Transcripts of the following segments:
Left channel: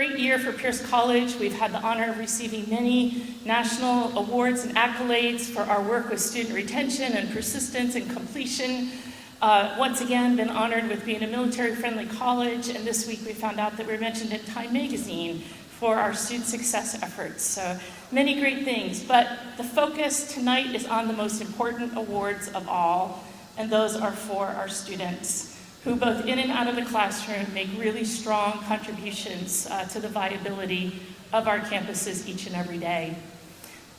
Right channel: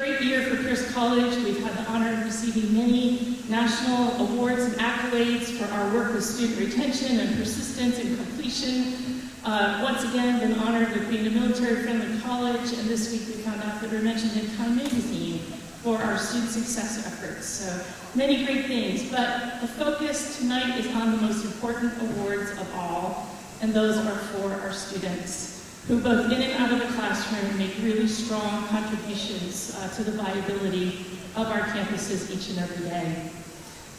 great year for Pierce College. We've had the honor of receiving many national awards and accolades for our work with student retention and persistence and completion. Once again, been honored with being a military-friendly college, and this week we found out that we're mentioned in Time Magazine for our student success efforts. So many great things, but the focus tonight is on the most important awards of all, and those are for our students, who both in and out of the classroom make really strong contributions to the viability of our campuses each and every day.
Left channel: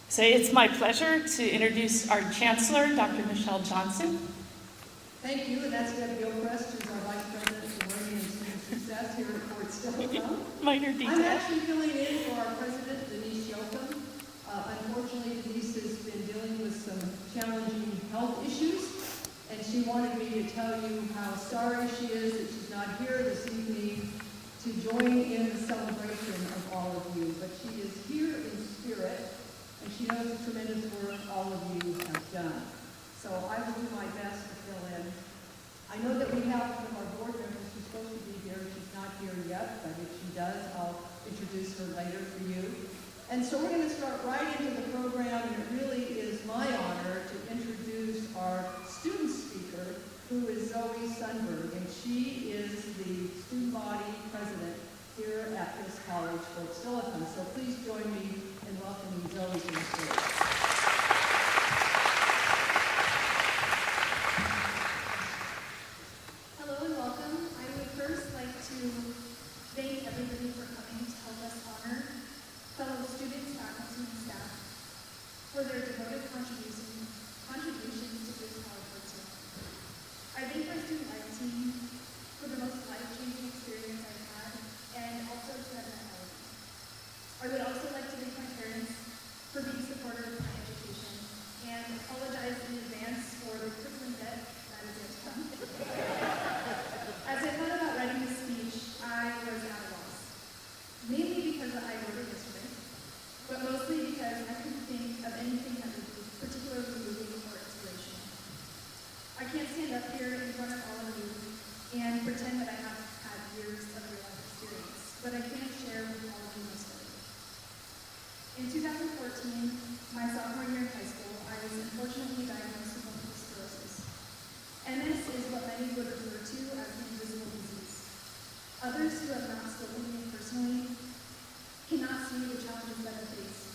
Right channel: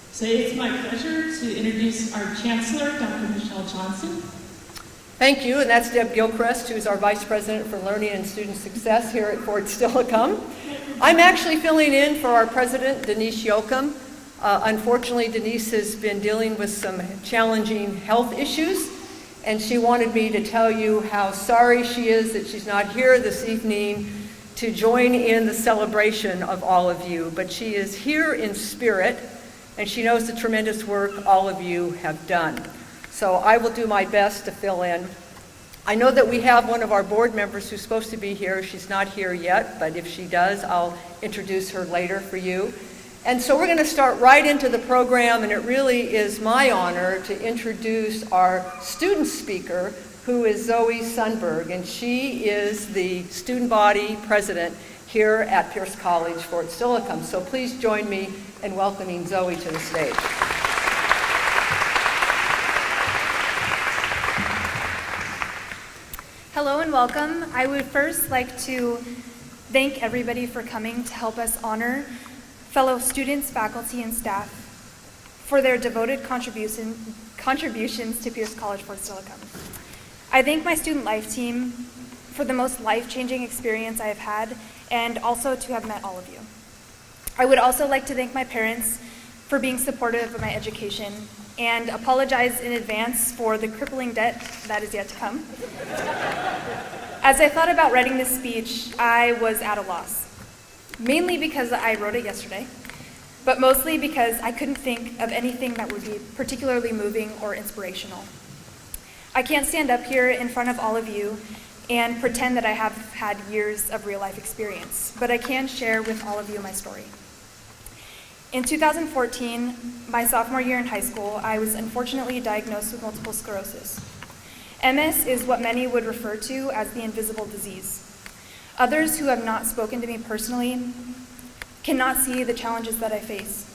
So it's my pleasure to introduce our Chancellor, Dr. Michelle Johnson. Thank you, and that's Deb Gilchrist, who's our Vice President for Learning and Student Success here at Fort Steilacoom. I'm actually filling in for our President, Denise Yoakum. Unfortunately, Denise has been dealing with some challenging health issues, and she wanted me to tell you how sorry she is that she's not here this evening to join in the celebration of all of you. But she is here in spirit, and she knows the tremendous work all of you have done. So I will do my best to fill in. I know that we have one of our board members who's supposed to be here. She's not here yet, but if she does, I'll introduce her later for you. And so we're going to start right into the program, and it really is my honor to introduce our student speaker, who is Zoe Sundberg, and she is the student body president here at Pierce College, Fort Steilacoom. So please join me in welcoming Zoe to the stage. Hello and welcome. I would first like to thank everybody for coming to help us honor fellow students, faculty, and staff for their devoted contributions to Pierce College, Fort Steilacoom. I thank my student life team for the most life-changing experience I have had, and also to have met all of you. I would also like to thank my parents for being supportive of my education, and apologize in advance for the crippling debt that is yet to come. As I thought about writing this speech, I was at a loss. Mainly because I wrote it yesterday, but mostly because I couldn't think of anything that would be particularly moving or inspirational. I can't stand up here in front of all of you and pretend that I have had years of real-life experience, but I can share with all of you my story. In 2014, my sophomore year in high school, I was unfortunately diagnosed with multiple sclerosis. MS is what many would refer to as the invisible disease. Others who have not spoken to me personally cannot see the challenges that I face.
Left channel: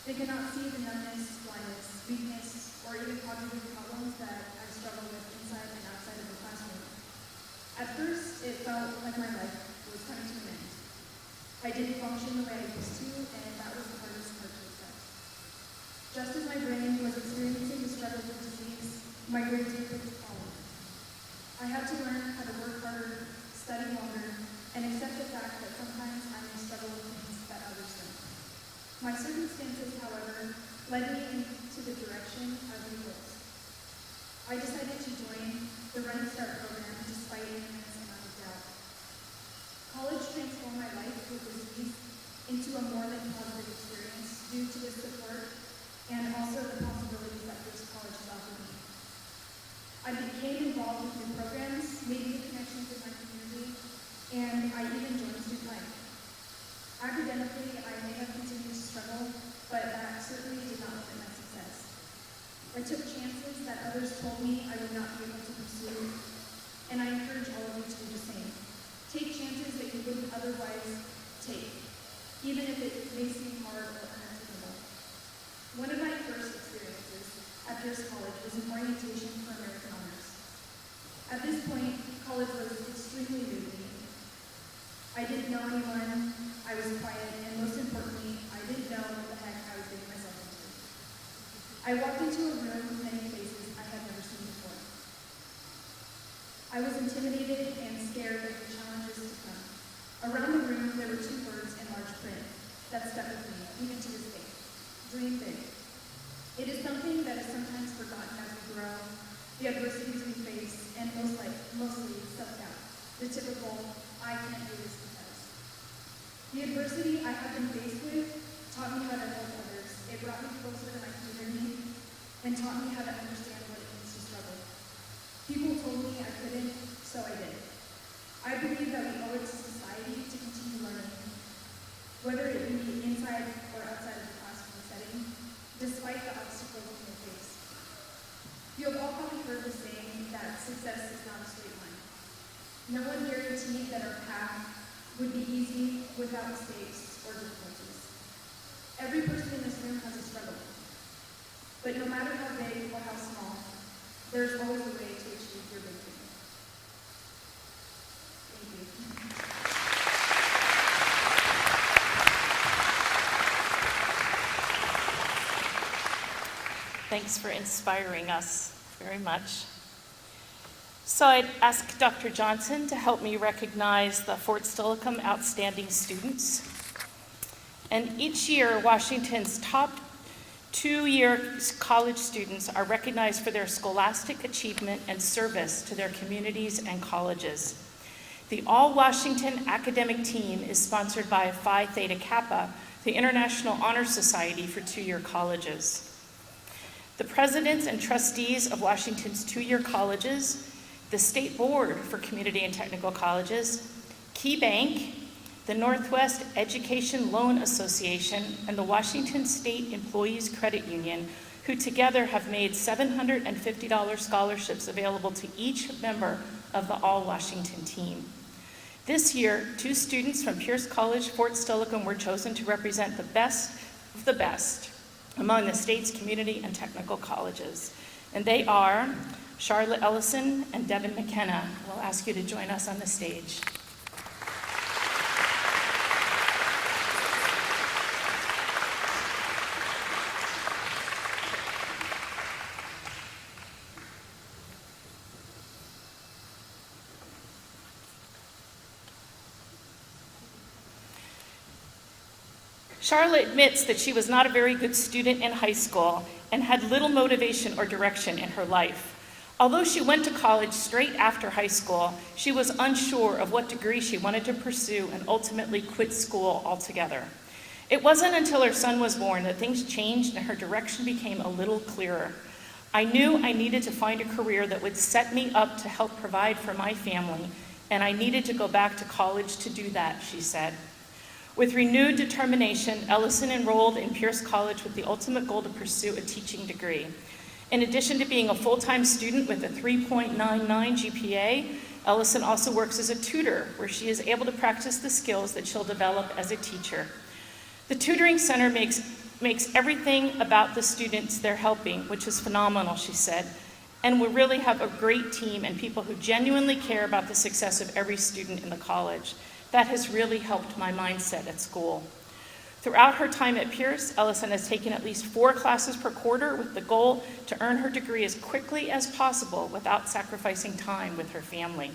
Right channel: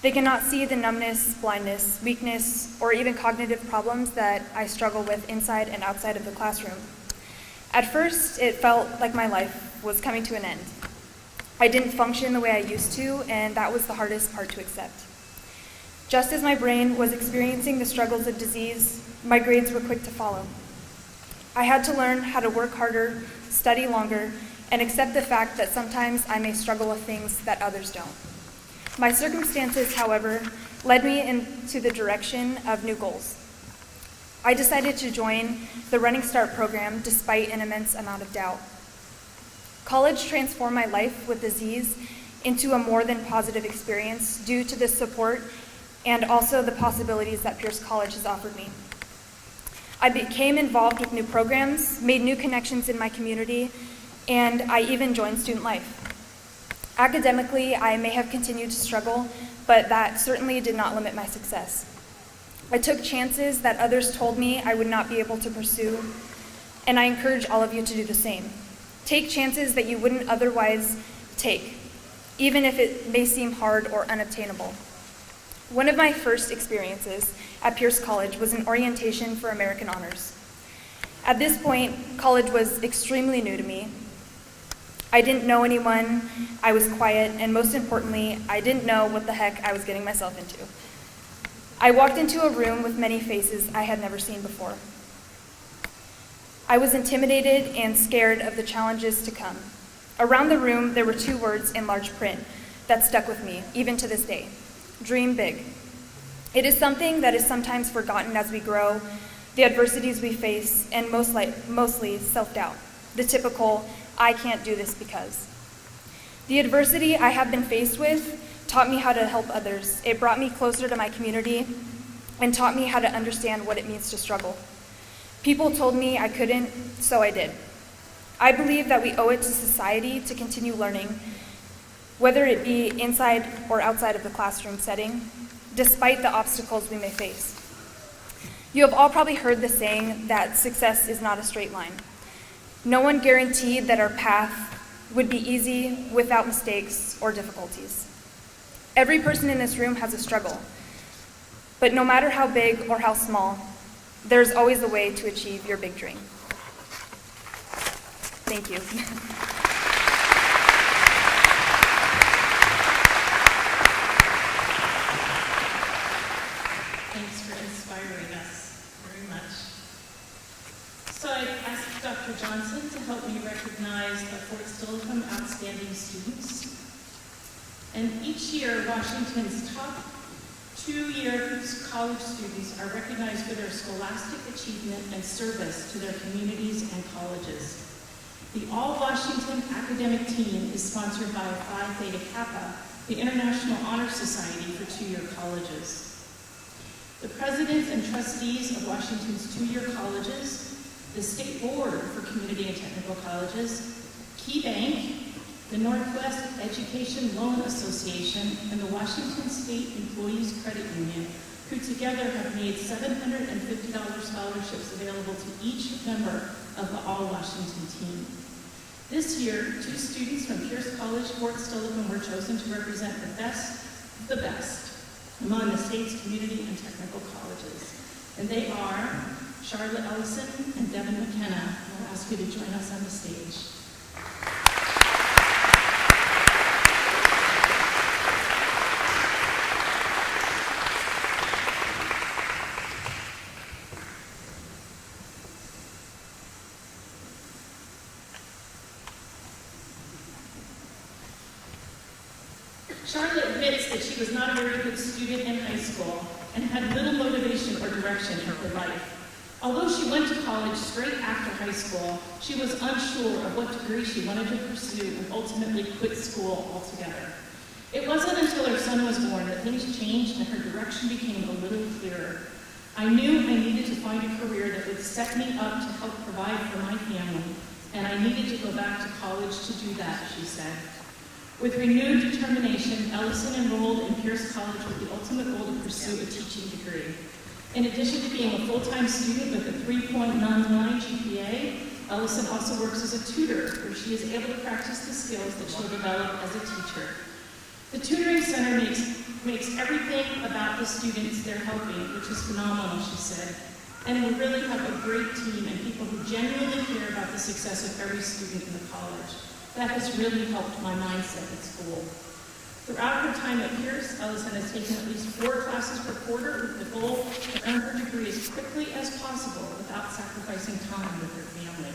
They cannot see the numbness, blindness, weakness, or even cognitive problems that I struggle with inside and outside of the classroom. At first, it felt like my life was coming to an end. I didn't function the way I used to, and that was the hardest part to accept. Just as my brain was experiencing the struggles of disease, my grades were quick to follow. I had to learn how to work harder, study longer, and accept the fact that sometimes I may struggle with things that others don't. My circumstances, however, led me into the direction of new goals. I decided to join the Running Start program despite an immense amount of doubt. College transformed my life with disease into a more than positive experience due to the support and also the possibilities that Pierce College has offered me. I became involved with new programs, made new connections in my community, and I even joined student life. Academically, I may have continued to struggle, but that certainly did not limit my success. I took chances that others told me I would not be able to pursue, and I encourage all of you to do the same. Take chances that you wouldn't otherwise take, even if it may seem hard or unobtainable. One of my first experiences at Pierce College was an orientation for American Honors. At this point, college was extremely new to me. I didn't know anyone, I was quiet, and most importantly, I didn't know what the heck I was getting myself into. I walked into a room with many faces I had never seen before. I was intimidated and scared of the challenges to come. Around the room, there were two words in large print that stuck with me, even to this day: dream big. It is something that is sometimes forgotten as we grow, the adversities we face, and mostly self-doubt, the typical, I can't do this because. The adversity I have been faced with taught me how to help others. It brought me closer to my community and taught me how to understand what it means to struggle. People told me I couldn't, so I did. I believe that we owe it to society to continue learning, whether it be inside or outside of the classroom setting, despite the obstacles we may face. You have all probably heard the saying that success is not a straight line. No one guaranteed that our path would be easy without mistakes or difficulties. Every person in this room has a struggle, but no matter how big or how small, there's always a way to achieve your big dream. Thank you. Thanks for inspiring us very much. So I'd ask Dr. Johnson to help me recognize the Fort Steilacoom outstanding students. And each year, Washington's top two-year college students are recognized for their scholastic achievement and service to their communities and colleges. The All-Washington Academic Team is sponsored by Phi Theta Kappa, the International Honor Society for two-year colleges. The presidents and trustees of Washington's two-year colleges, the State Board for Community and Technical Colleges, Key Bank, the Northwest Education Loan Association, and the Washington State Employees Credit Union, who together have made $750 scholarships available to each member of the All-Washington team. This year, 2 students from Pierce College, Fort Steilacoom were chosen to represent the best of the best among the state's community and technical colleges. And they are Charlotte Ellison and Devin McKenna. I'll ask you to join us on the stage. Charlotte admits that she was not a very good student in high school and had little motivation or direction in her life. Although she went to college straight after high school, she was unsure of what degree she wanted to pursue and ultimately quit school altogether. It wasn't until her son was born that things changed and her direction became a little clearer. I knew I needed to find a career that would set me up to help provide for my family, and I needed to go back to college to do that, she said. With renewed determination, Ellison enrolled in Pierce College with the ultimate goal to pursue a teaching degree. In addition to being a full-time student with a 3.99 GPA, Ellison also works as a tutor, where she is able to practice the skills that she'll develop as a teacher. The tutoring center makes everything about the students they're helping, which is phenomenal, she said. And we really have a great team and people who genuinely care about the success of every student in the college. That has really helped my mindset at school. Throughout her time at Pierce, Ellison has taken at least 4 classes per quarter with the goal to earn her degree as quickly as possible without sacrificing time with her family.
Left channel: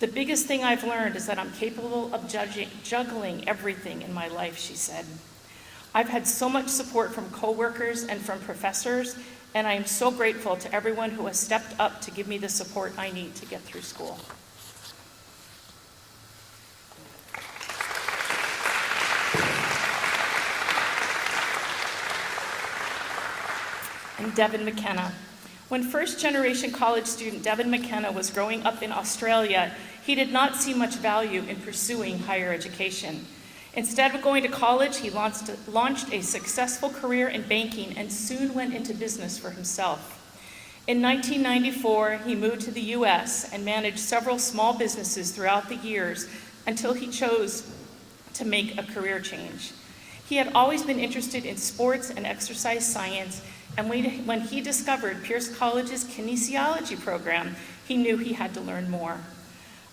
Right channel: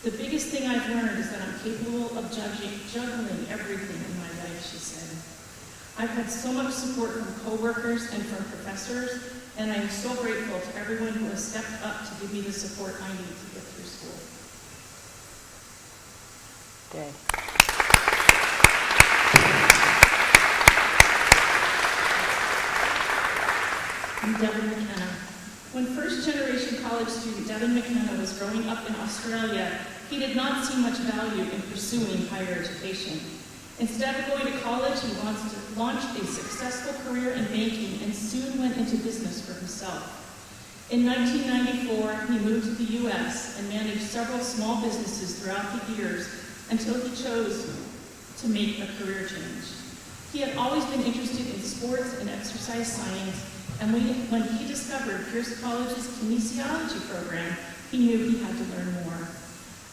The biggest thing I've learned is that I'm capable of juggling everything in my life, she said. I've had so much support from coworkers and from professors, and I am so grateful to everyone who has stepped up to give me the support I need to get through school. And Devin McKenna. When first-generation college student Devin McKenna was growing up in Australia, he did not see much value in pursuing higher education. Instead of going to college, he launched a successful career in banking and soon went into business for himself. In 1994, he moved to the U.S. and managed several small businesses throughout the years until he chose to make a career change. He had always been interested in sports and exercise science, and when he discovered Pierce College's kinesiology program, he knew he had to learn more.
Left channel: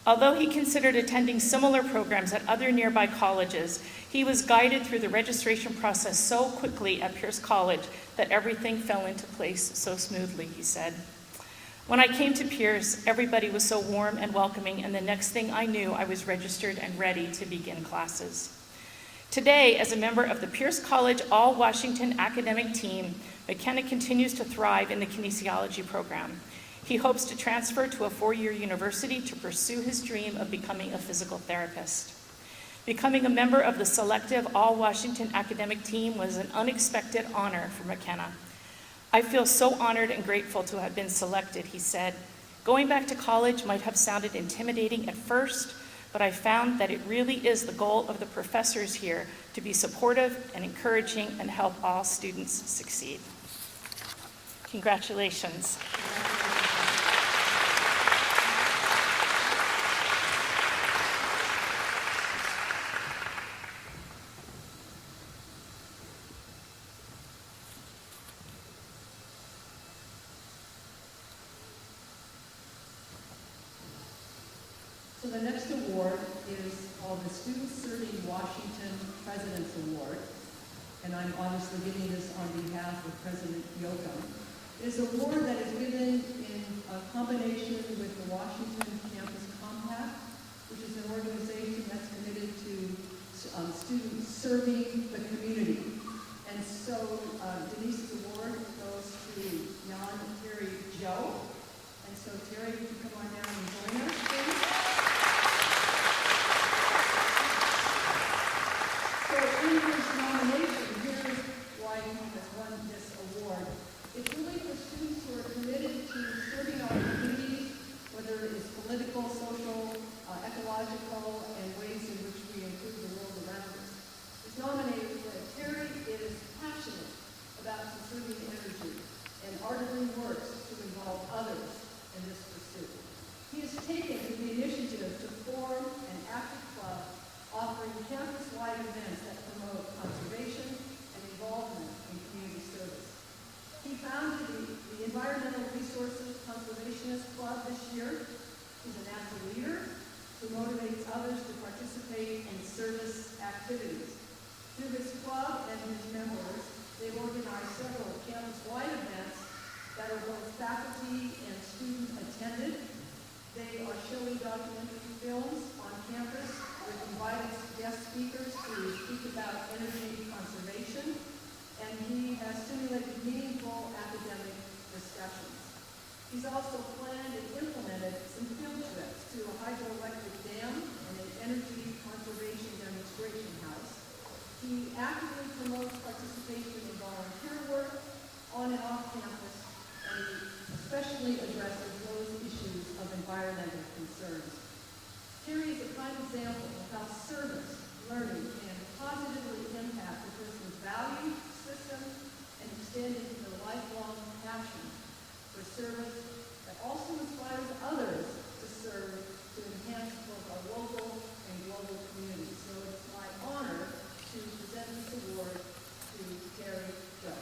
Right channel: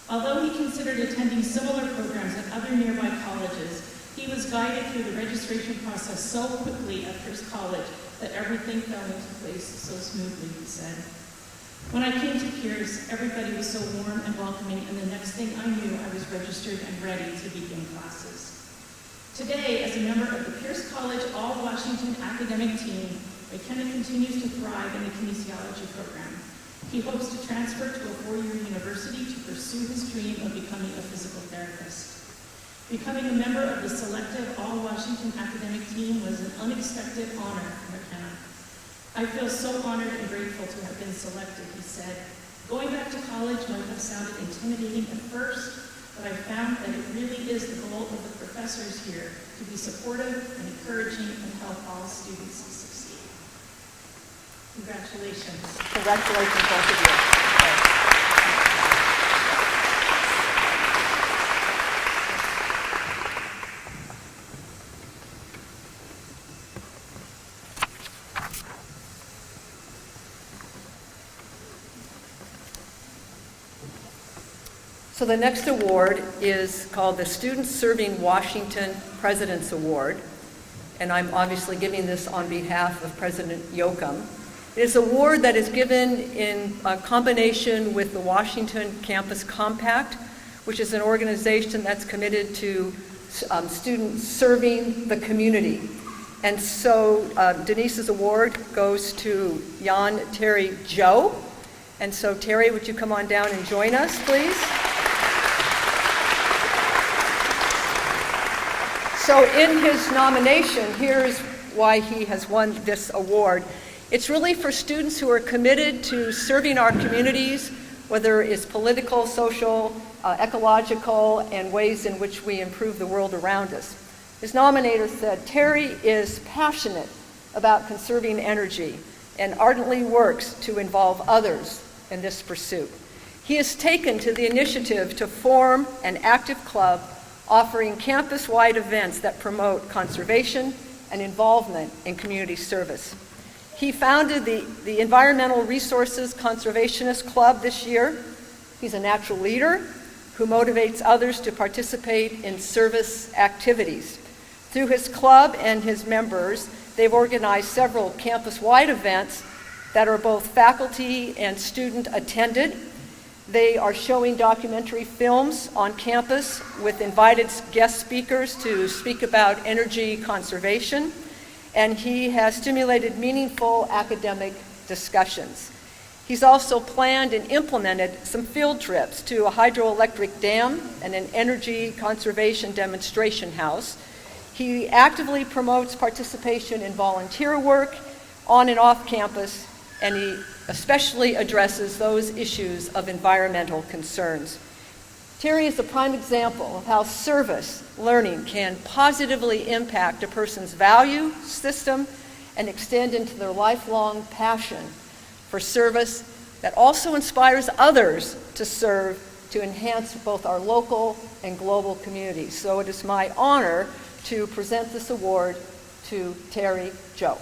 Although he considered attending similar programs at other nearby colleges, he was guided through the registration process so quickly at Pierce College that everything fell into place so smoothly, he said. When I came to Pierce, everybody was so warm and welcoming, and the next thing I knew, I was registered and ready to begin classes. Today, as a member of the Pierce College All-Washington Academic Team, McKenna continues to thrive in the kinesiology program. He hopes to transfer to a 4-year university to pursue his dream of becoming a physical therapist. Becoming a member of the selective All-Washington Academic Team was an unexpected honor for McKenna. I feel so honored and grateful to have been selected, he said. Going back to college might have sounded intimidating at first, but I found that it really is the goal of the professors here to be supportive and encouraging and help all students succeed. Congratulations. Congratulations, both of you. So the next award is called the Students Serving Washington President's Award, and I'm obviously giving this on behalf of President Yoakum. It is an award that is given in combination with the Washington Campus Compact, which is an organization that's committed to students serving the community. And so Denise's award goes to Jan Terry Joe. And so Terry, would you come on down and join us, please? So in his nomination, here's why he has won this award. It's really for students who are committed to serving our communities, whether it's political, social, ecological, and ways in which we improve the world around us. His nominator said, Terry is passionate about conserving energy and ardently works to involve others in this pursuit. He has taken to the initiative to form an active club offering campus-wide events that promote conservation and involvement in community service. He founded the Environmental Resources Conservationist Club this year. He's a natural leader who motivates others to participate in service activities. Through his club and his members, they've organized several campus-wide events that are both faculty and student attended. They are showing documentary films on campus with invited guest speakers to speak about energy conservation, and he has stimulated meaningful academic discussions. He's also planned and implemented some field trips to a hydroelectric dam and an energy conservation demonstration house. He actively promotes participation in volunteer work on and off campus, and he especially addresses those issues of environmental concerns. Terry is a prime example of how service learning can positively impact a person's value system and extend into their lifelong passion for service that also inspires others to serve to enhance both our local and global communities. So it is my honor to present this award to Terry Joe.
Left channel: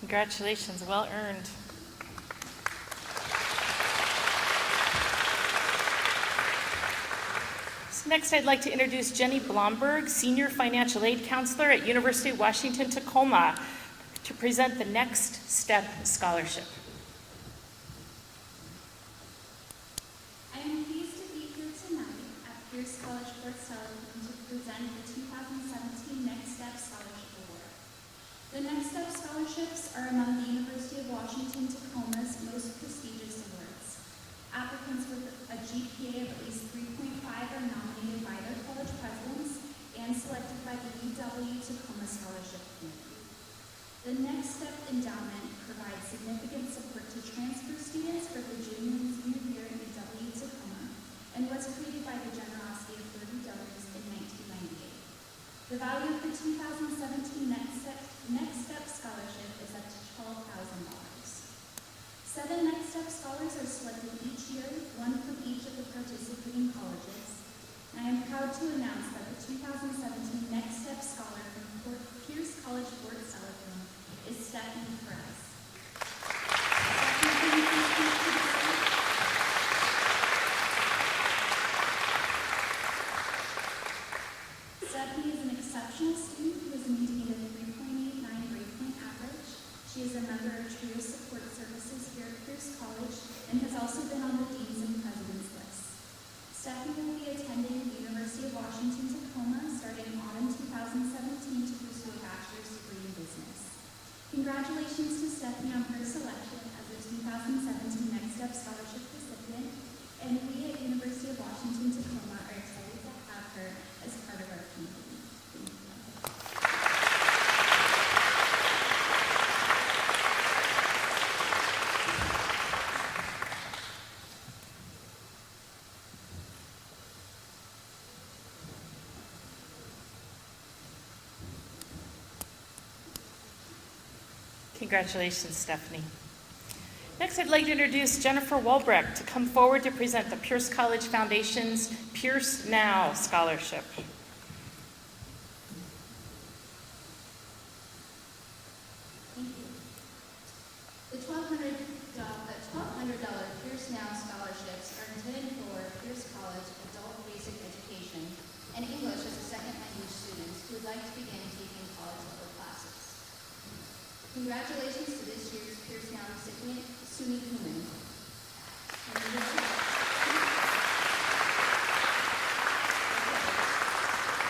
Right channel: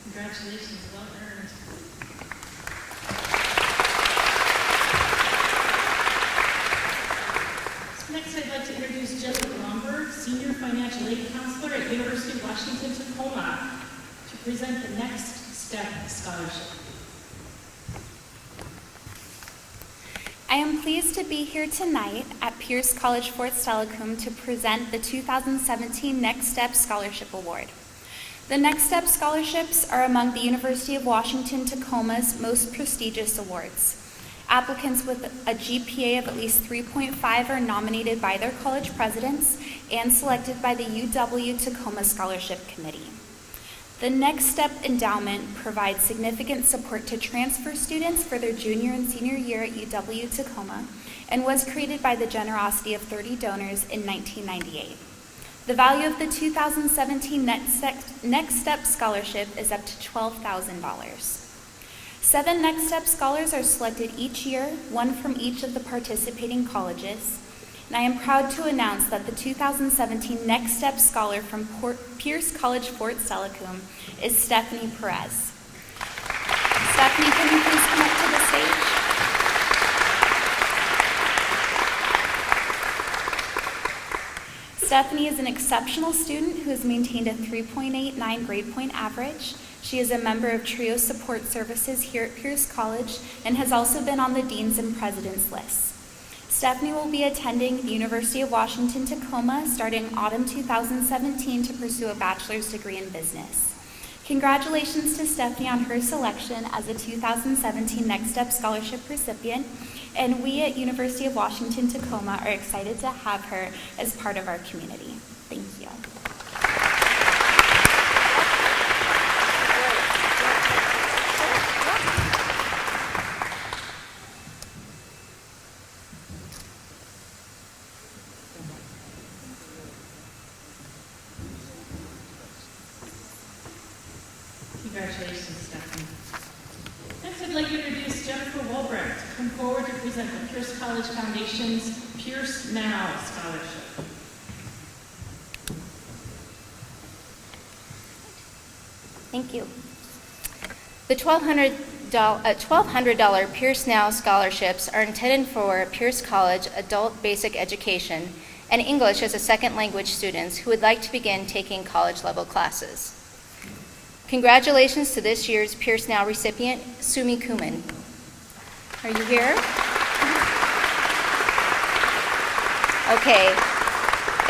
Congratulations, well earned. So next I'd like to introduce Jenny Blomberg, Senior Financial Aid Counselor at University of Washington, Tacoma, to present the Next Step Scholarship. I am pleased to be here tonight at Pierce College Fort Steilacoom to present the 2017 Next Step Scholarship Award. The Next Step Scholarships are among the University of Washington Tacoma's most prestigious awards. Applicants with a GPA of at least 3.5 are nominated by their college presidents and selected by the UW Tacoma Scholarship Committee. The Next Step Endowment provides significant support to transfer students for their junior and senior year at UW Tacoma and was created by the generosity of 30 donors in 1998. The value of the 2017 Next Step Scholarship is up to $12,000. 7 Next Step Scholars are selected each year, one from each of the participating colleges. And I am proud to announce that the 2017 Next Step Scholar from Pierce College Fort Steilacoom is Stephanie Perez. Stephanie, can you please come up to the stage? Stephanie is an exceptional student who has maintained a 3.89 grade point average. She is a member of TRIO Support Services here at Pierce College and has also been on the Deans and Presidents lists. Stephanie will be attending the University of Washington Tacoma starting autumn 2017 to pursue a bachelor's degree in business. Congratulations to Stephanie on her selection as a 2017 Next Step Scholarship recipient, and we at University of Washington Tacoma are excited to have her as part of our community. Thank you. Congratulations, Stephanie. Next, I'd like to introduce Jennifer Walbrecht to come forward to present the Pierce College Foundation's Pierce Now Scholarship. Thank you. The $1,200 Pierce Now scholarships are intended for Pierce College adult basic education and English as a second language students who would like to begin taking college level classes. Congratulations to this year's Pierce Now recipient, Sumi Kuman. Are you here? Okay.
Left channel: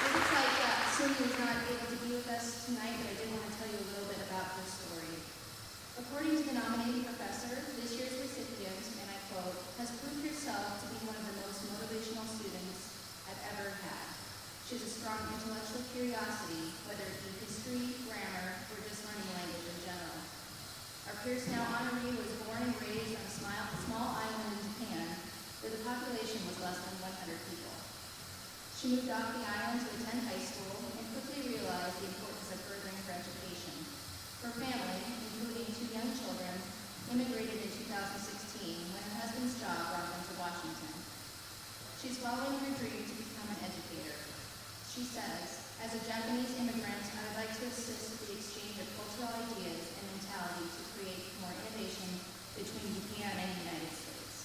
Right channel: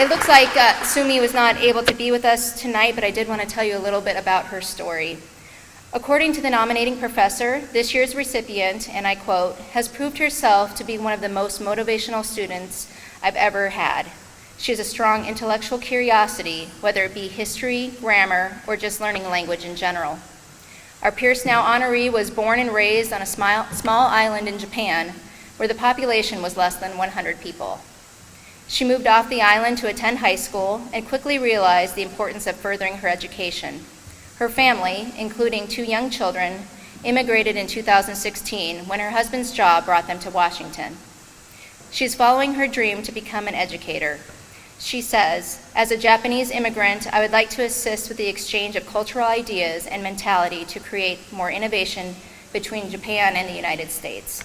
It looks like Sumi was not able to be with us tonight, but I did want to tell you a little bit about her story. According to the nominating professor, this year's recipient, and I quote, has proved herself to be one of the most motivational students I've ever had. She has a strong intellectual curiosity, whether it be history, grammar, or just learning language in general. Our Pierce Now honoree was born and raised on a small island in Japan, where the population was less than 100 people. She moved off the island to attend high school and quickly realized the importance of furthering her education. Her family, including 2 young children, immigrated in 2016 when her husband's job brought them to Washington. She's following her dream to become an educator. She says, as a Japanese immigrant, I would like to assist with the exchange of cultural ideas and mentality to create more innovation between Japan and the United States.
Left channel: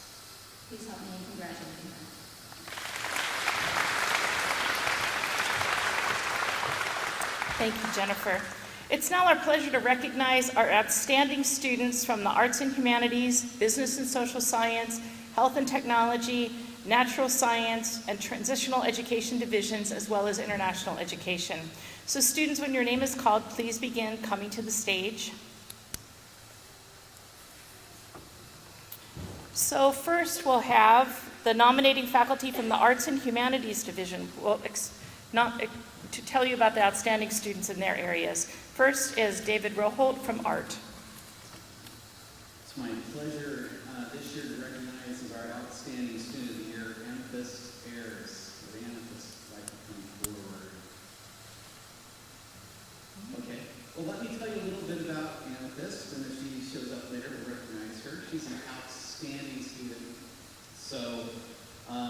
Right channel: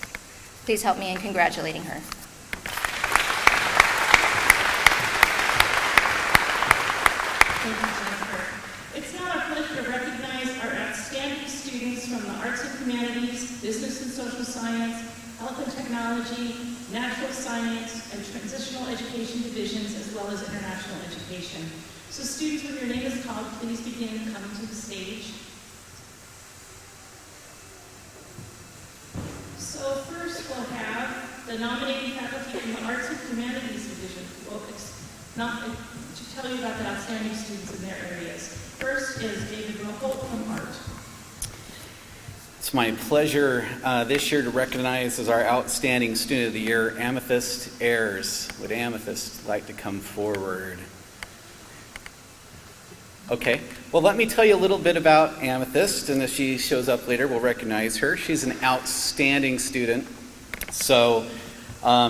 Please help me in congratulating her. Thank you, Jennifer. It's now our pleasure to recognize our outstanding students from the arts and humanities, business and social science, health and technology, natural science, and transitional education divisions, as well as international education. So students, when your name is called, please begin coming to the stage. So first we'll have the nominating faculty from the Arts and Humanities Division to tell you about the outstanding students in their areas. First is David Roholt from Art. It's my pleasure this year to recognize as our outstanding student of the year, Amethyst Ayers. Would Amethyst like to come forward? Okay, well let me tell you a little bit about Amethyst, and if she shows up later, we'll recognize her. She's an outstanding student, so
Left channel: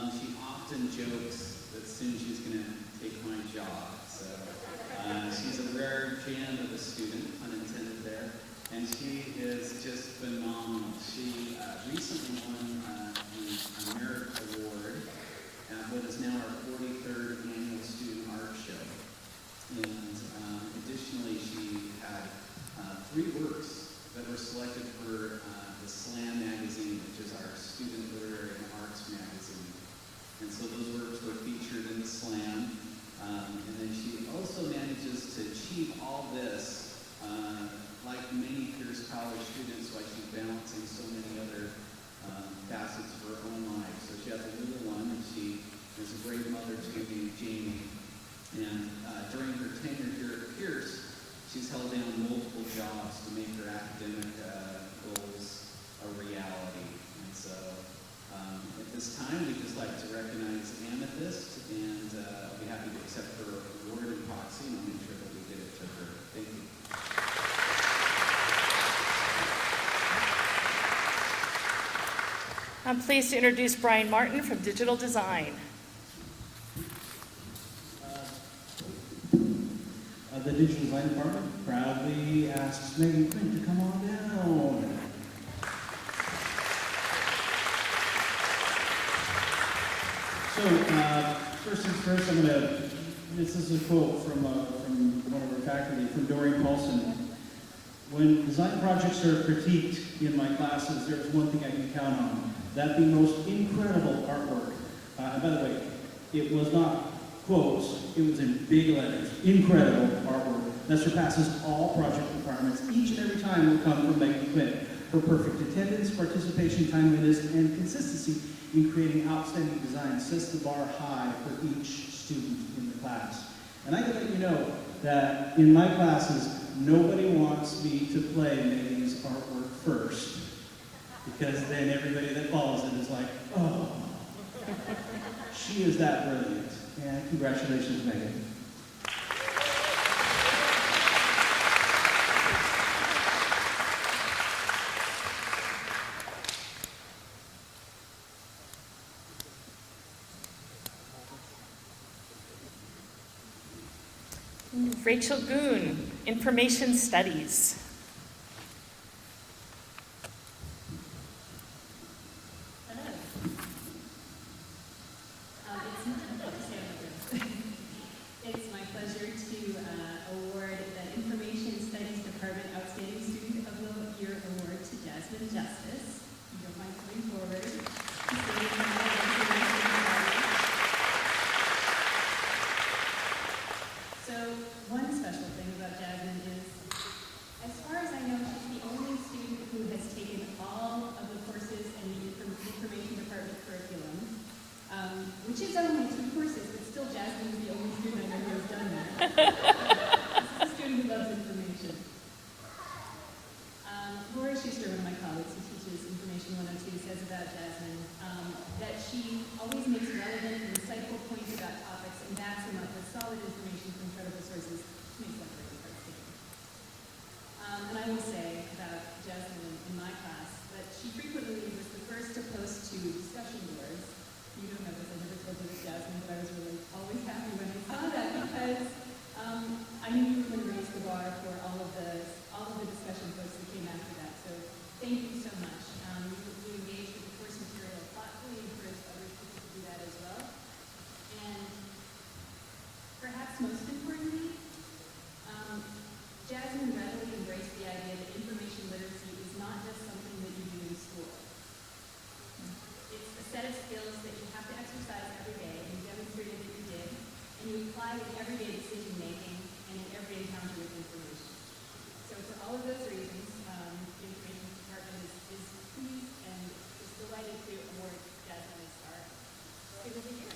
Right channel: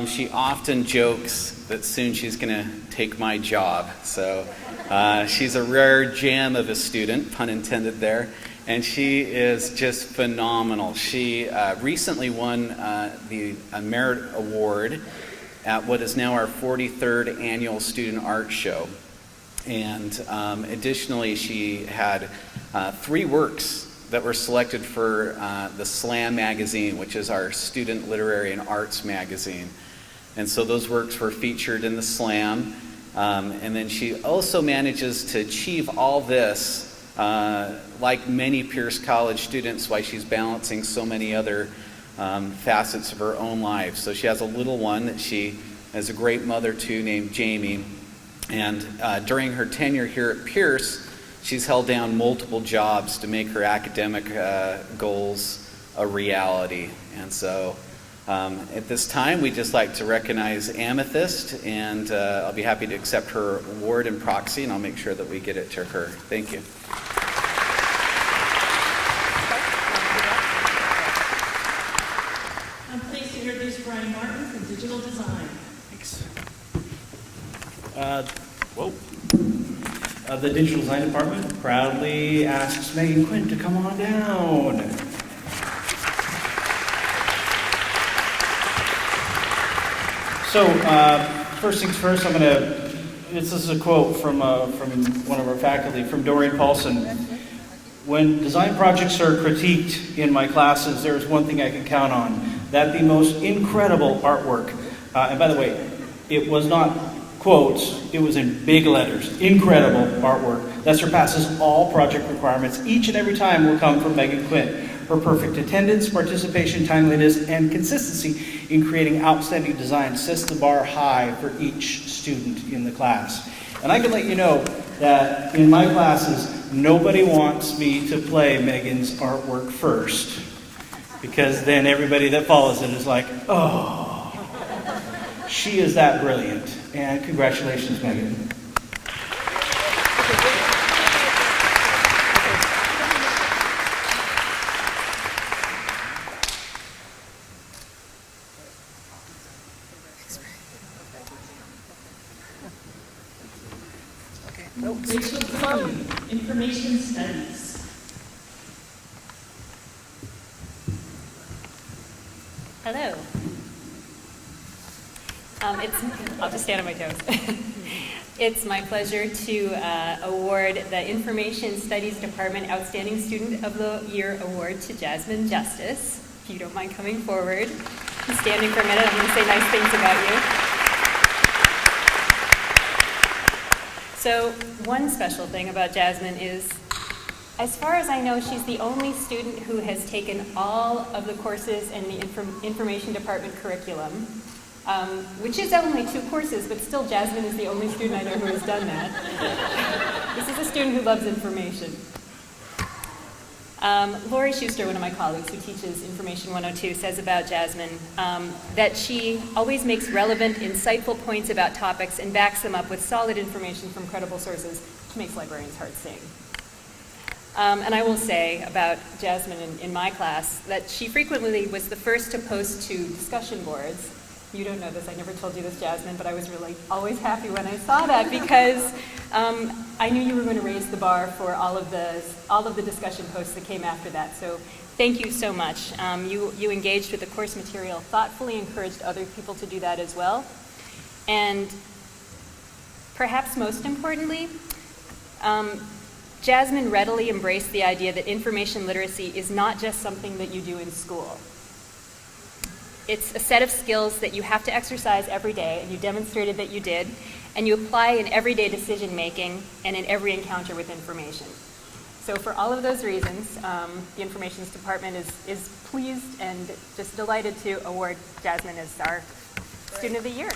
she often jokes that soon she's gonna take my job. So she's a rare gem of a student, pun intended there. And she is just phenomenal. She recently won the Merit Award at what is now our 43rd annual Student Art Show. And additionally, she had 3 works that were selected for the Slam magazine, which is our student literary and arts magazine. And so those works were featured in the Slam. And then she also manages to achieve all this like many Pierce College students, while she's balancing so many other facets of her own life. So she has a little one that she is a great mother to named Jamie. And during her tenure here at Pierce, she's held down multiple jobs to make her academic goals a reality. And so at this time, we'd just like to recognize Amethyst, and I'll be happy to accept her award in proxy, and I'll make sure that we get it to her. Thank you. I'm pleased to introduce Brian Martin from Digital Design. Thanks. The Digital Design Department proudly asks Megan Quinn to come on down. So, first things first, this is a quote from one of our faculty, from Dorian Paulson. When design projects are critiqued in my classes, there's one thing I can count on, that the most incredible artwork, and by the way, it was not quotes, it was in big letters, incredible artwork that surpasses all project requirements. Each and every time will come from Megan Quinn. Her perfect attendance, participation, timeliness, and consistency in creating outstanding design sets the bar high for each student in the class. And I can let you know that in my classes, nobody wants me to play Megan's artwork first, because then everybody that follows it is like, oh, she is that brilliant. And congratulations, Megan. Rachel Boone, Information Studies. Hello. I'll just stand on my toes. It's my pleasure to award the Information Studies Department Outstanding Student of the Year Award to Jasmine Justice. If you don't mind coming forward and standing for a minute, I'm going to say nice things about you. So one special thing about Jasmine is, as far as I know, she's the only student who has taken all of the courses in the information department curriculum, which is only 2 courses, but still Jasmine is the only student I know who has done that. This is a student who loves information. Lori Schuster, one of my colleagues who teaches Information 102, says about Jasmine that she always makes relevant, insightful points about topics and backs them up with solid information from credible sources, which makes librarians' hearts sing. And I will say about Jasmine in my class that she frequently was the first to post to discussion boards. You don't know this, I never told you this, Jasmine, but I was really always happy when I saw that because I knew you were going to raise the bar for all of the discussion posts that came after that. So thank you so much. You engaged with the course material thoughtfully, encouraged other people to do that as well. And perhaps most importantly, Jasmine readily embraced the idea that information literacy is not just something that you do in school. It's a set of skills that you have to exercise every day, and you demonstrated that you did, and you apply in everyday decision making and in every encounter with information. So for all of those reasons, the Informations Department is pleased and just delighted to award Jasmine as our Student of the Year.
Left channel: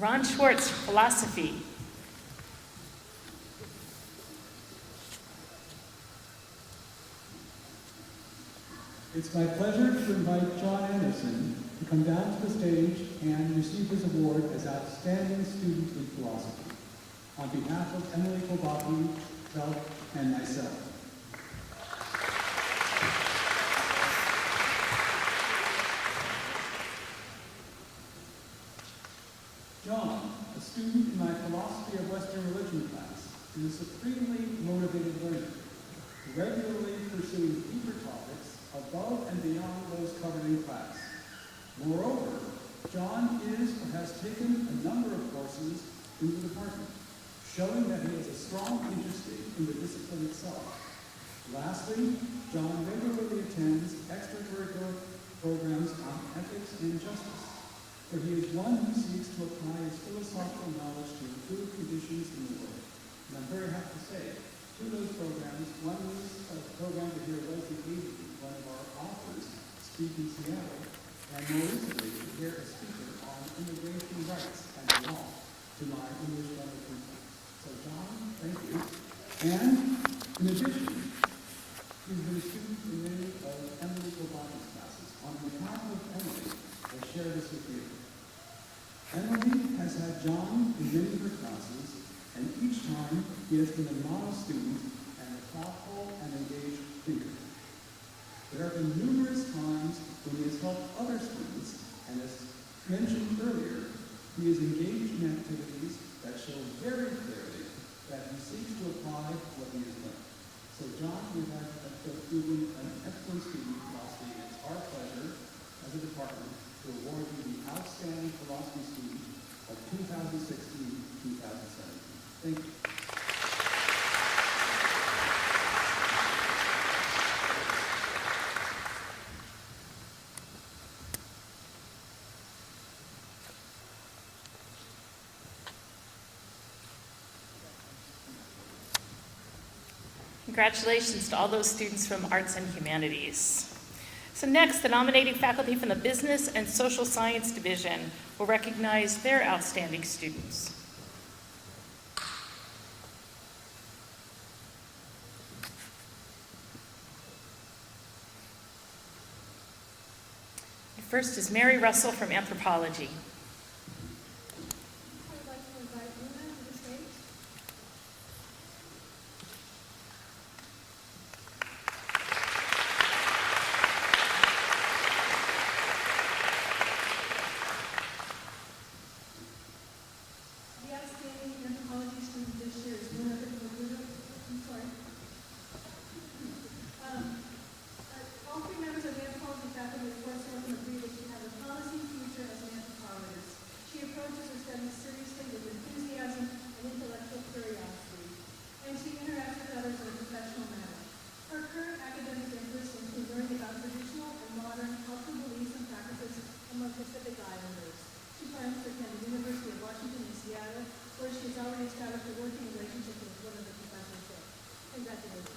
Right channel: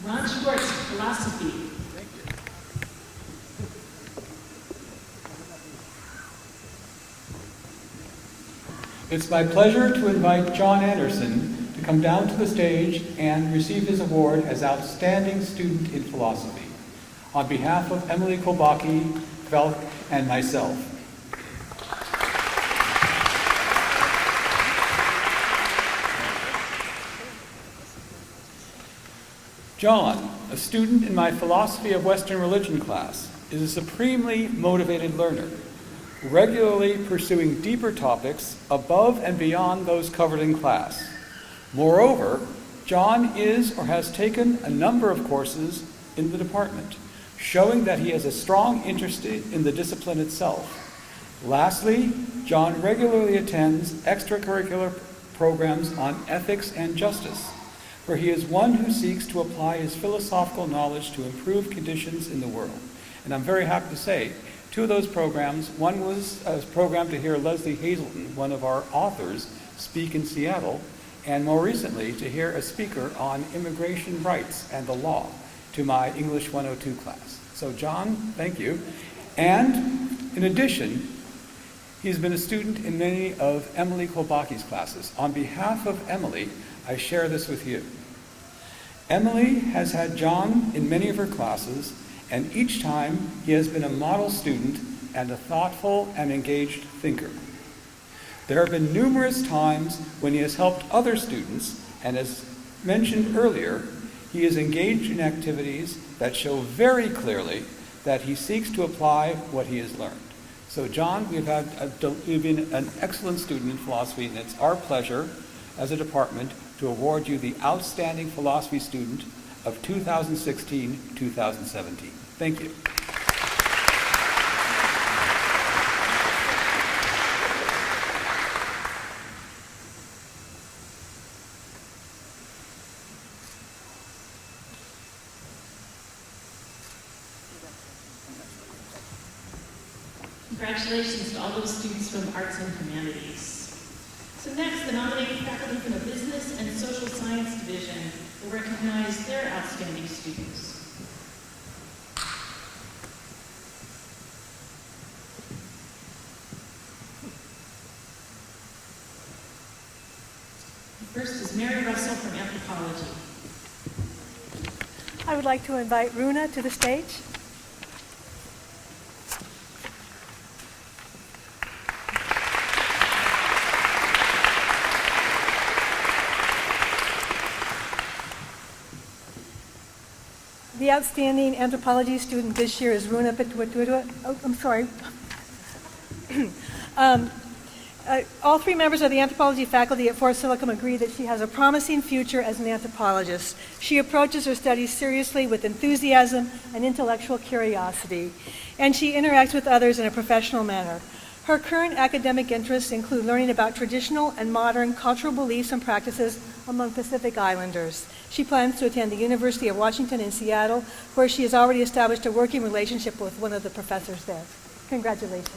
Ron Schwartz, Philosophy. It's my pleasure to invite John Anderson to come down to the stage and receive his award as Outstanding Student in Philosophy on behalf of Emily Kobaki, Velk, and myself. John, a student in my Philosophy of Western Religion class, is a supremely motivated learner, regularly pursuing deeper topics above and beyond those covered in class. Moreover, John is or has taken a number of courses in the department, showing that he has a strong interest in the discipline itself. Lastly, John regularly attends extracurricular programs on ethics and justice, where he is one who seeks to apply his philosophical knowledge to improve conditions in the world. And I'm very happy to say, 2 of those programs, one was a program to hear Leslie Hazelton, one of our authors, speak in Seattle, and more recently to hear a speaker on immigration rights and the law to my English 102 class. So John, thank you. And in addition, he's been a student in many of Emily Kobaki's classes. On behalf of Emily, I share this with you. Emily has had John in many of her classes, and each time he has been a model student and a thoughtful and engaged thinker. There have been numerous times when he has helped other students, and as mentioned earlier, he is engaged in activities that show very clearly that he seeks to apply what he has learned. So John, you've been an excellent student in philosophy, and it's our pleasure as a department to award you the Outstanding Philosophy Student of 2016-2017. Thank you. Congratulations to all those students from Arts and Humanities. So next, the nominating faculty from the Business and Social Science Division will recognize their outstanding students. First is Mary Russell from Anthropology. I would like to invite Runa to the stage. The outstanding anthropology student this year is Runa Petwatwitwa. Oh, I'm sorry. All three members of the anthropology faculty at Fort Steilacoom agree that she has a promising future as an anthropologist. She approaches her studies seriously with enthusiasm and intellectual curiosity, and she interacts with others in a professional manner. Her current academic interests include learning about traditional and modern cultural beliefs and practices among Pacific Islanders. She plans to attend the University of Washington in Seattle, where she has already established a working relationship with one of the professors there. Congratulations.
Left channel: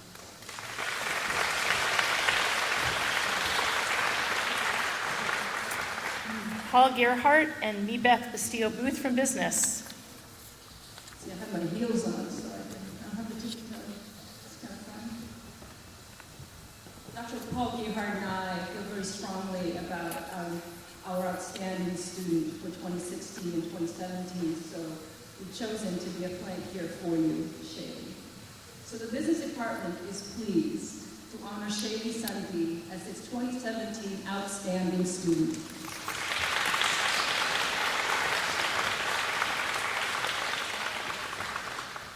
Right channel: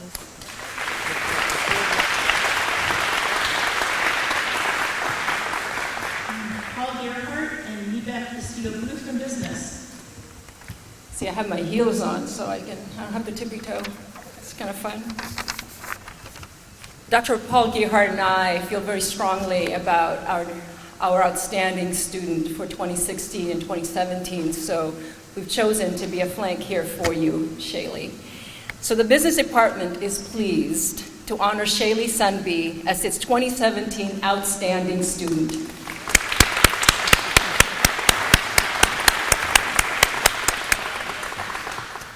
Paul Gerhardt and Nebeth Castillo-Booth from Business. See, I have my heels on, so I don't have to tippy toe. It's kind of fun. Dr. Paul Gerhardt and I feel very strongly about our outstanding student for 2016 and 2017, so we've chosen to be a flank here for you, Shaylee. So the business department is pleased to honor Shaylee Sunby as its 2017 outstanding student.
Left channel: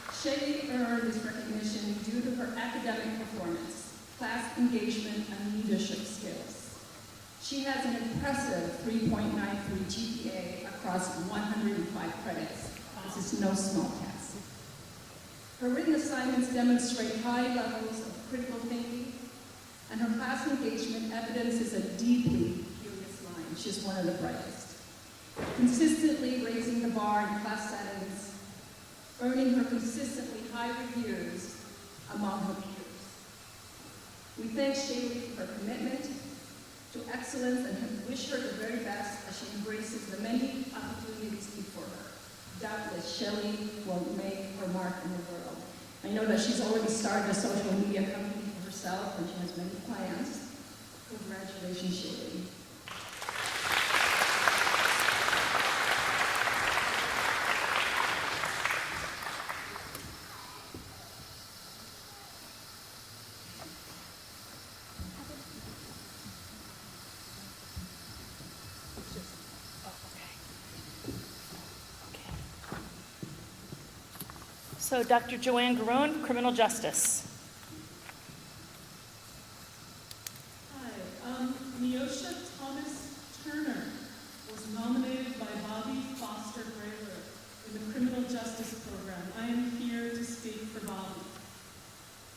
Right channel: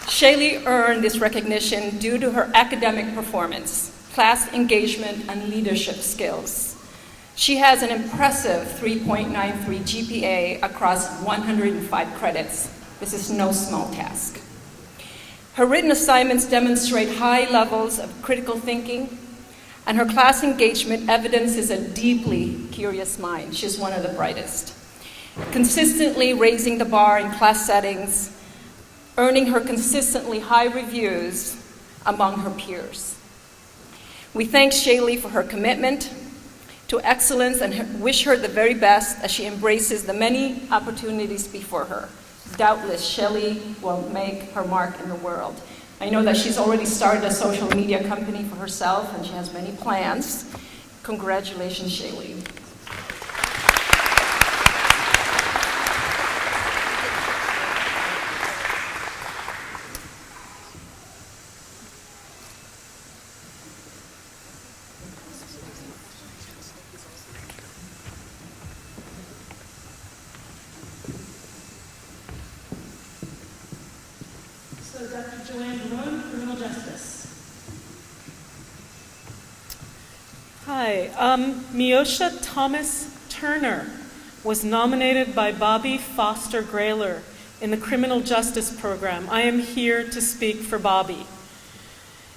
Shaylee earned this recognition due to her academic performance, class engagement, and leadership skills. She has an impressive 3.93 GPA across 105 credits. This is no small task. Her written assignments demonstrate high levels of critical thinking, and her class engagement evidences a deeply curious mind. She's one of the brightest. Consistently raising the bar in class settings, earning her consistently high reviews among her peers. We thank Shaylee for her commitment to excellence and wish her the very best as she embraces the many opportunities before her. Doubtless, Shaylee will make her mark in the world. I know that she's already started a social media company for herself, and she has many plans. Congratulations, Shaylee. So Dr. Joanne Garone, Criminal Justice. Hi, Miosha Thomas Turner was nominated by Bobby Foster Grayler in the Criminal Justice Program. I am here to speak for Bobby.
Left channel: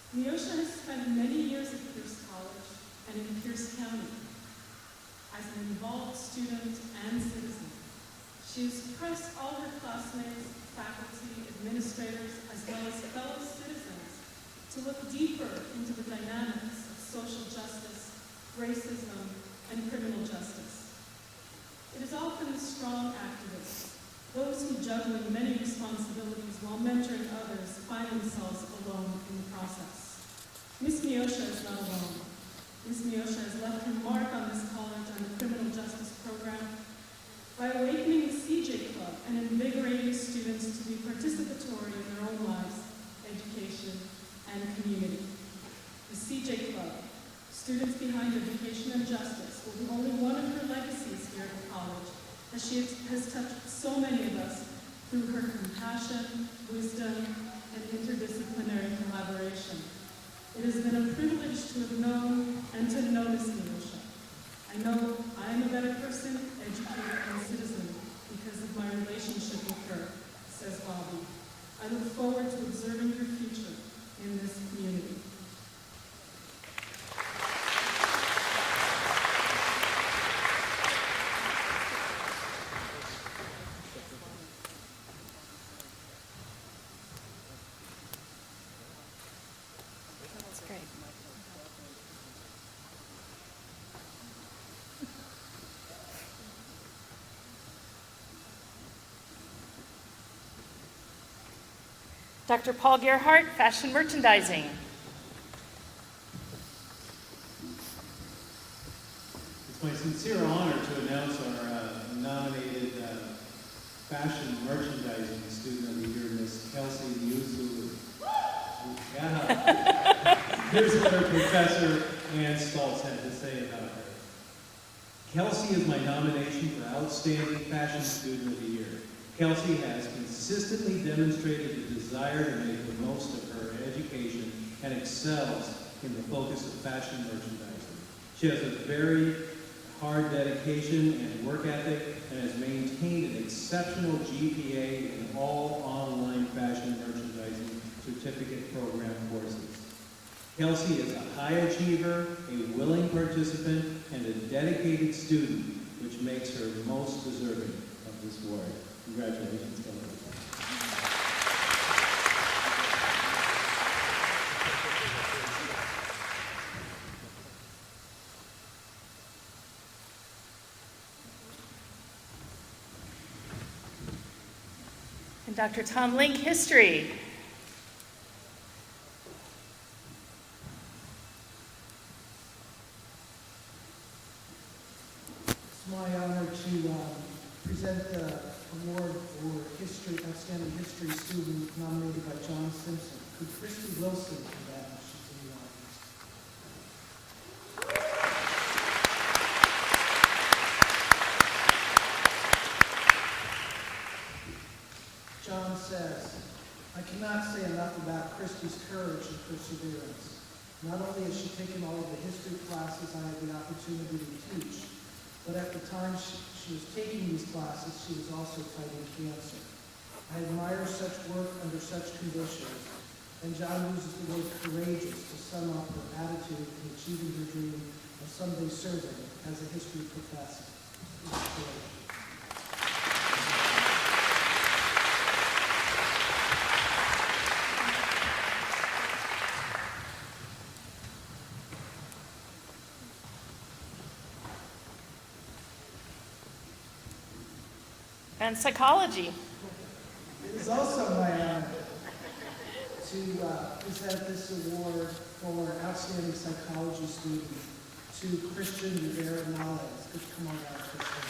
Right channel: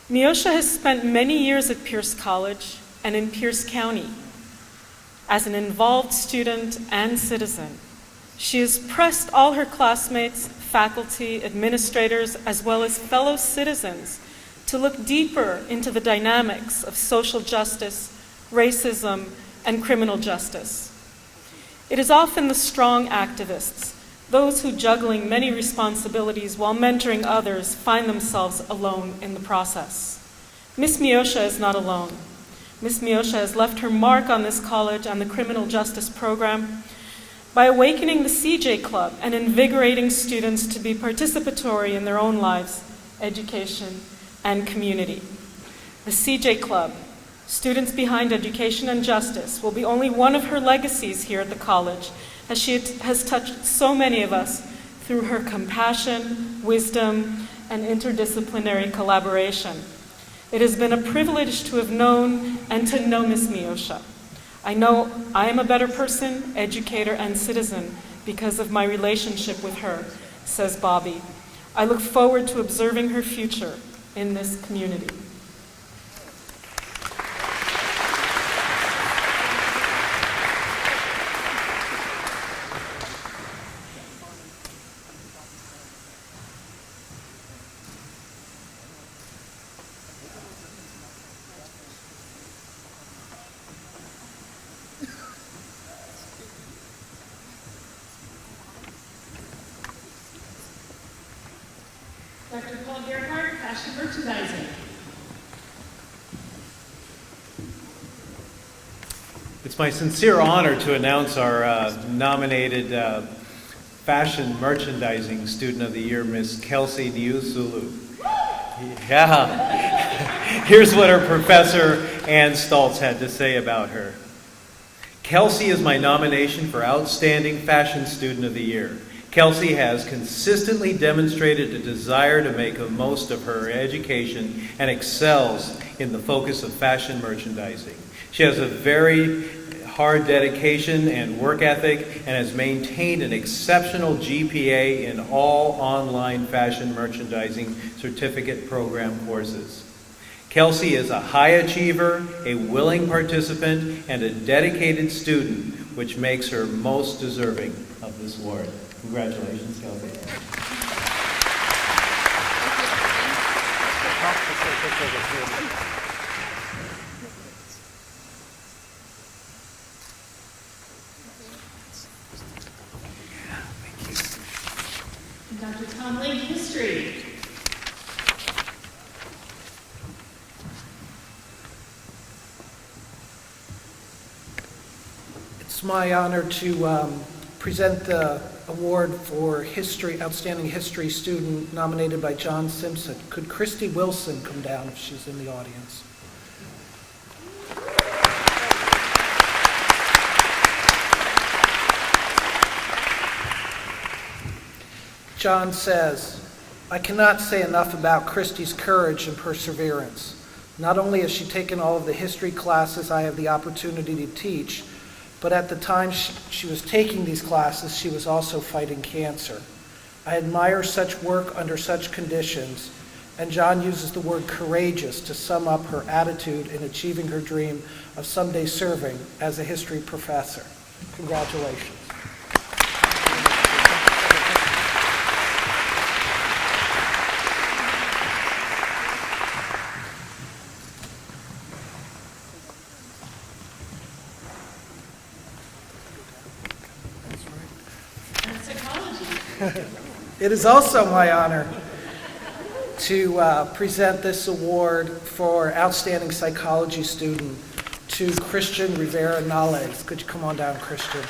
Miosha has spent many years at Pierce College and in Pierce County as an involved student and citizen. She has pressed all her classmates, faculty, administrators, as well as fellow citizens to look deeper into the dynamics of social justice, racism, and criminal justice. It is often the strong activists, those who juggling many responsibilities while mentoring others, find themselves alone in the process. Ms. Miosha is not alone. Ms. Miosha has left her mark on this college and the criminal justice program by awakening the CJ Club and invigorating students to be participatory in their own lives, education, and community. The CJ Club, Students Behind Education and Justice, will be only one of her legacies here at the college, as she has touched so many of us through her compassion, wisdom, and interdisciplinary collaboration. It has been a privilege to have known and to know Ms. Miosha. I know I am a better person, educator, and citizen because of my relationship with her, says Bobby. I look forward to observing her future in this community. Dr. Paul Gerhardt, Fashion Merchandising. It's my sincere honor to announce our nominated Fashion Merchandising Student of the Year, Miss Kelsey Niusulu. Yeah. Here's what her professor, Ann Stoltz, had to say about her. Kelsey is my nomination for Outstanding Fashion Student of the Year. Kelsey has consistently demonstrated a desire to make the most of her education and excels in the focus of fashion merchandising. She has a very hard dedication and work ethic and has maintained an exceptional GPA in all online fashion merchandising certificate program courses. Kelsey is a high achiever, a willing participant, and a dedicated student, which makes her most deserving of this award. Congratulations, Kelsey. And Dr. Tom Link, History. It's my honor to present the award for history, Outstanding History Student nominated by John Simpson. Could Christy Wilson come down if she's in the audience? John says, I cannot say enough about Christy's courage and perseverance. Not only has she taken all of the history classes I have the opportunity to teach, but at the time she was taking these classes, she was also fighting cancer. I admire such work under such conditions, and John uses the word courageous to sum up her attitude in achieving her dream of someday serving as a history professor. Congratulations. And Psychology. It is also my honor to present this award for Outstanding Psychology Student to Christian Rivera Nales. Could you come on down, Christian?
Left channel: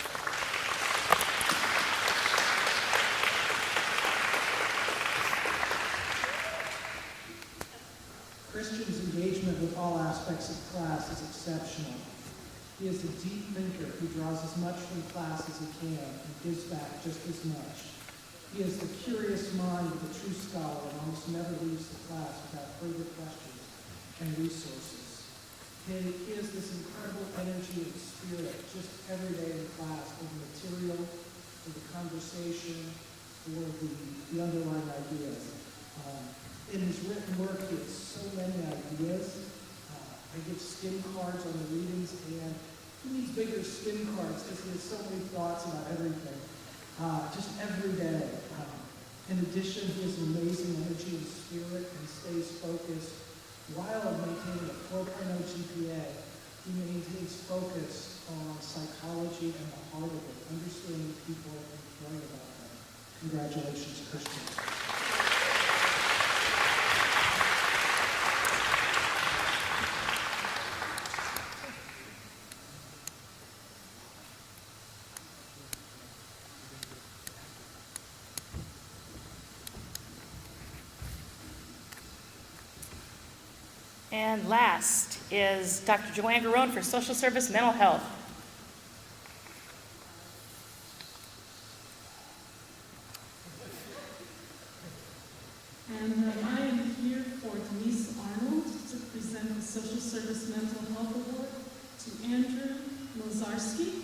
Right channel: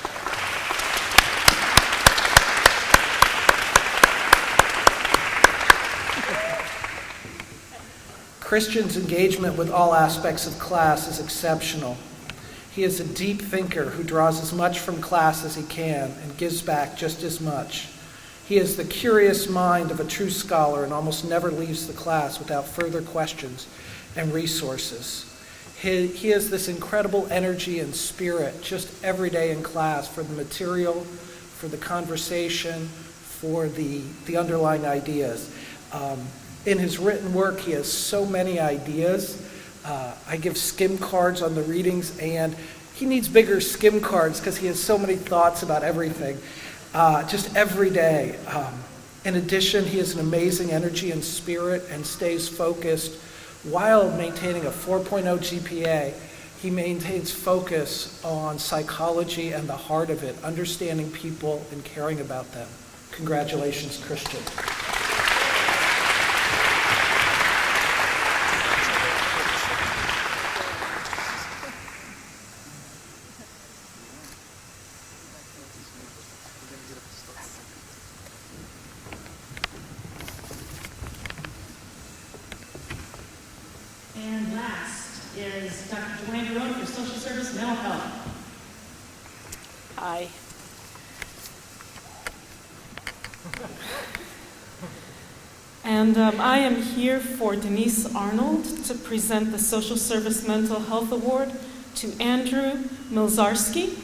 Christian's engagement with all aspects of class is exceptional. He is a deep thinker who draws as much from class as he can and gives back just as much. He has the curious mind of a true scholar and almost never leaves the class without further questions and resources. He has this incredible energy and spirit just every day in class for the material, for the conversation, for the underlying ideas. In his written work, he has so many ideas. I give skim cards on the readings, and he needs bigger skim cards because he has so many thoughts about everything, just every day. In addition, he has an amazing energy and spirit and stays focused while maintaining a 4.0 GPA. He maintains focus on psychology and the heart of it, understanding people and caring about them. Congratulations, Christian. And last is Dr. Joanne Garone for Social Service Mental Health. Hi. And I am here for Denise Arnold to present the Social Service Mental Health Award to Andrew Milzarski.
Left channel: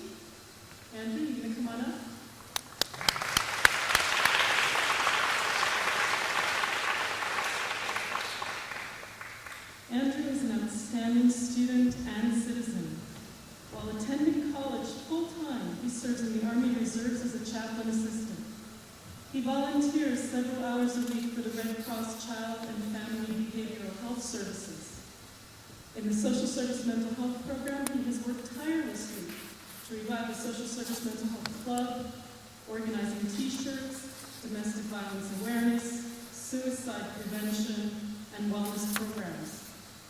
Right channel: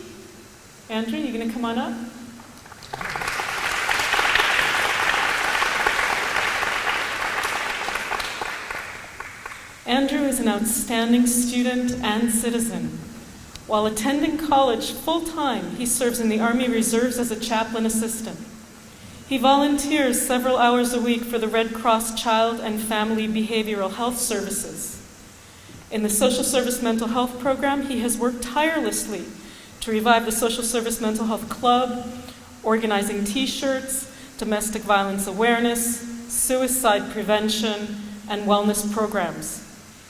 Andrew, you gonna come on up? Andrew is an outstanding student and citizen. While attending college full-time, he serves in the Army Reserves as a chaplain assistant. He volunteers several hours a week for the Red Cross Child and Family Behavioral Health Services. In the Social Service Mental Health Program, he has worked tirelessly to revive the Social Service Mental Health Club, organizing T-shirts, domestic violence awareness, suicide prevention, and wellness programs.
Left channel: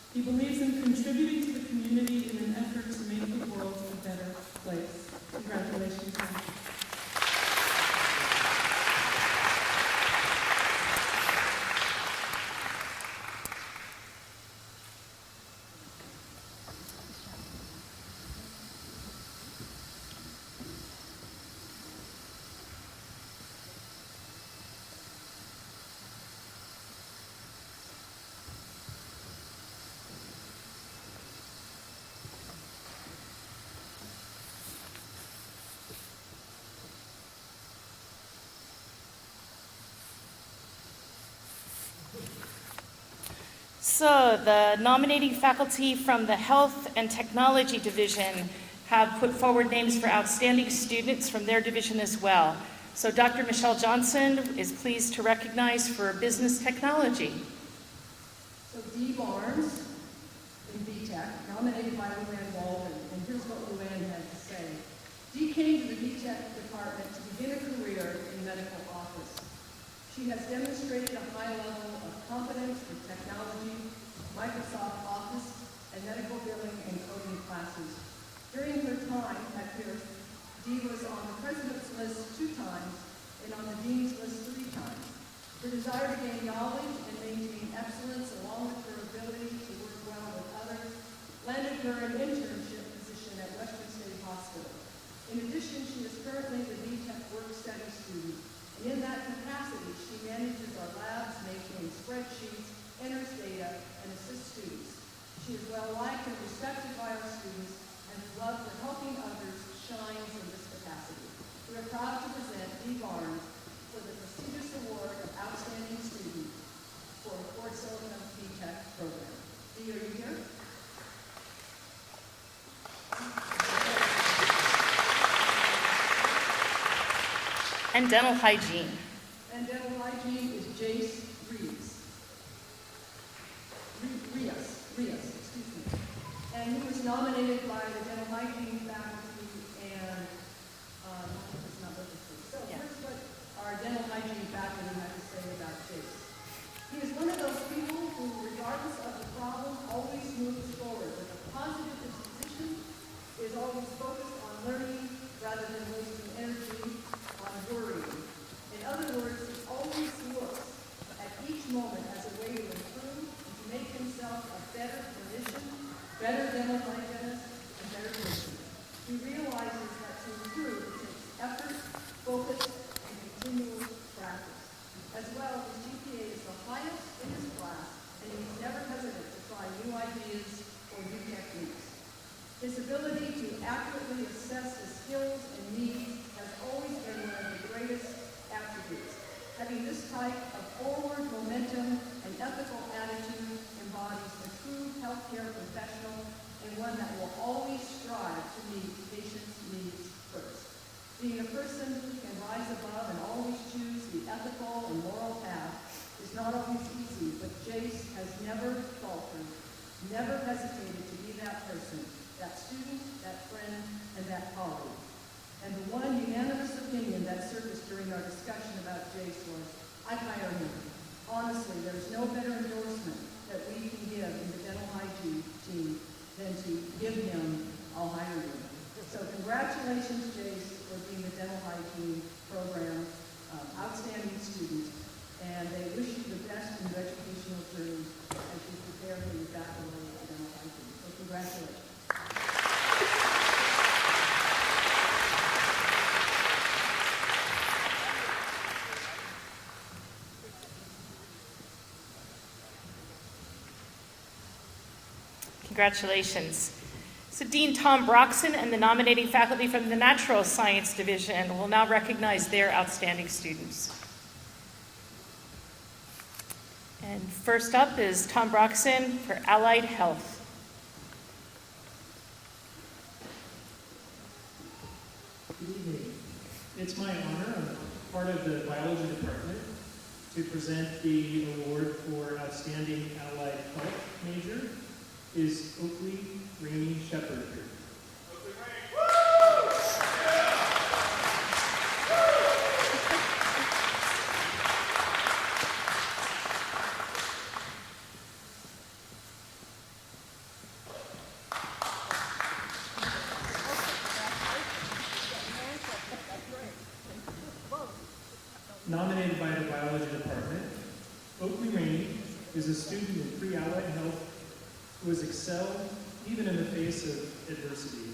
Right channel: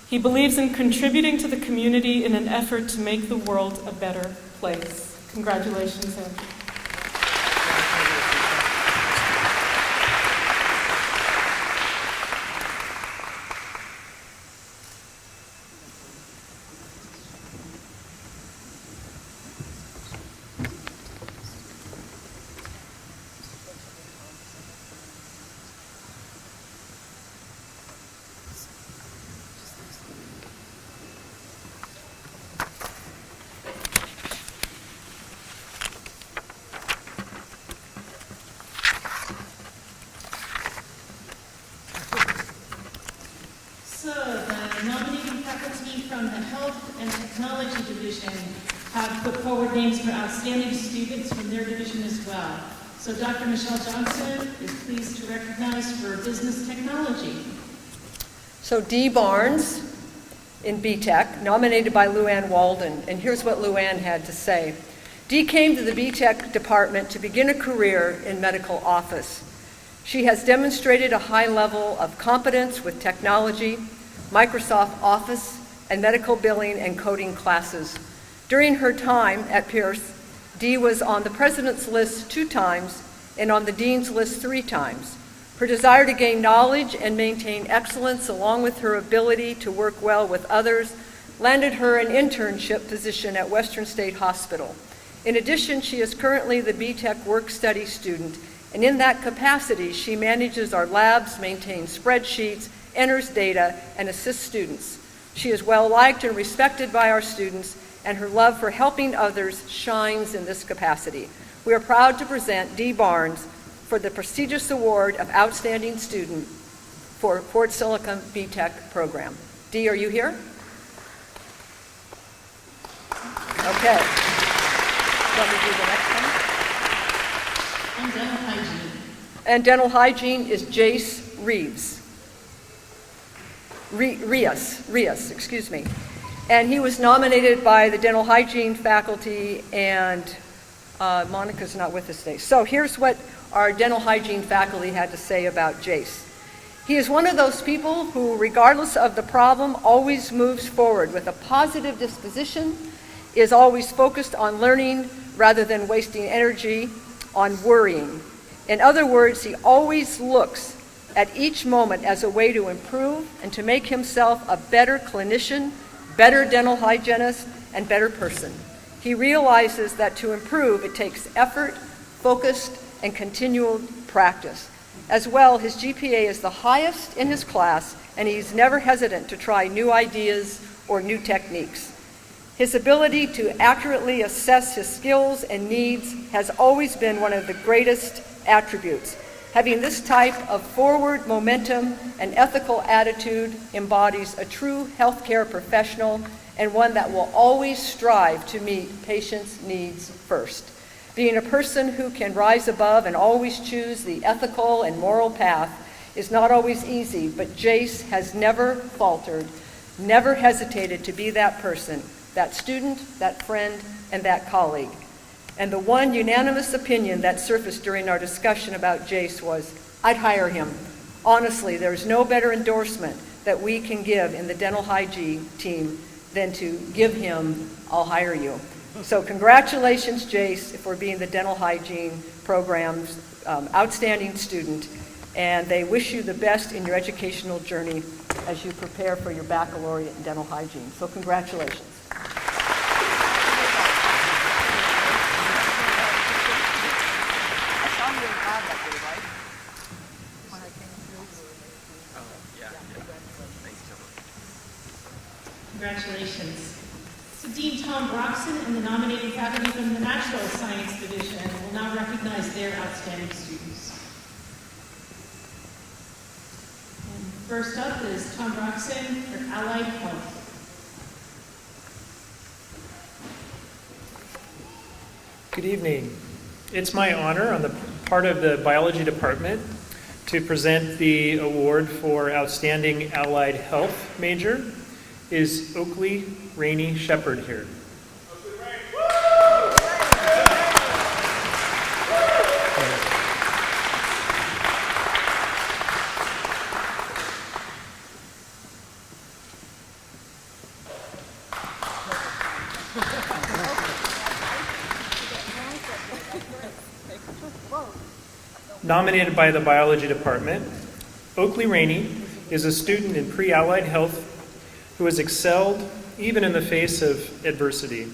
He believes in contributing to the community in an effort to make the world a better place. Congratulations, sir. So the nominating faculty from the Health and Technology Division have put forward names for outstanding students from their division as well. So Dr. Michelle Johnson is pleased to recognize for Business Technology. So Dee Barnes in BTech, nominated by Luann Walden. And here's what Luann had to say. Dee came to the BTech department to begin a career in medical office. She has demonstrated a high level of competence with technology, Microsoft Office, and medical billing and coding classes. During her time at Pierce, Dee was on the president's list 2 times and on the dean's list 3 times. Her desire to gain knowledge and maintain excellence, along with her ability to work well with others, landed her an internship position at Western State Hospital. In addition, she is currently the BTech work-study student, and in that capacity, she manages our labs, maintains spreadsheets, enters data, and assists students. She is well-liked and respected by our students, and her love for helping others shines in this capacity. We are proud to present Dee Barnes for the prestigious award of Outstanding Student for Fort Silicon BTech program. Dee, are you here? Okay. Let me do the next one. And dental hygiene. And dental hygiene is Jace Reeves. Rios, excuse me. And he was nominated by the dental hygiene faculty, and Monica's not with us today. So here's what our dental hygiene faculty had to say about Jace. He is one of those people who, regardless of the problem, always moves forward with a positive disposition, is always focused on learning rather than wasting energy on worrying. In other words, he always looks at each moment as a way to improve and to make himself a better clinician, better dental hygienist, and better person. He realizes that to improve, it takes effort, focus, and continual practice. As well, his GPA is the highest in his class, and he's never hesitant to try new ideas or new techniques. His ability to accurately assess his skills and needs has always been one of the greatest attributes. Having this type of forward momentum and ethical attitude embodies a true healthcare professional and one that will always strive to meet patients' needs first. Being a person who can rise above and always choose the ethical and moral path is not always easy, but Jace has never faltered, never hesitated to be that person, that student, that friend, and that colleague. And the one unanimous opinion that surfaced during our discussion about Jace was, I'd hire him. Honestly, there's no better endorsement that we can give in the dental hygiene team than to give him, I'll hire you. So congratulations, Jace, for being the dental hygiene program's outstanding student. And they wish you the best in your educational journey as you prepare for your baccalaureate in dental hygiene. So congratulations. Congratulations. So Dean Tom Broxson and the nominating faculty from the Natural Science Division will now recognize their outstanding students. And first up is Tom Broxson for Allied Health. Good evening. It's my honor on the part of the biology department to present the award for Outstanding Allied Health Major. Is Oakley Rainey Shepherd here? nominated by the biology department, Oakley Rainey is a student in pre-allied health who has excelled even in the face of adversity.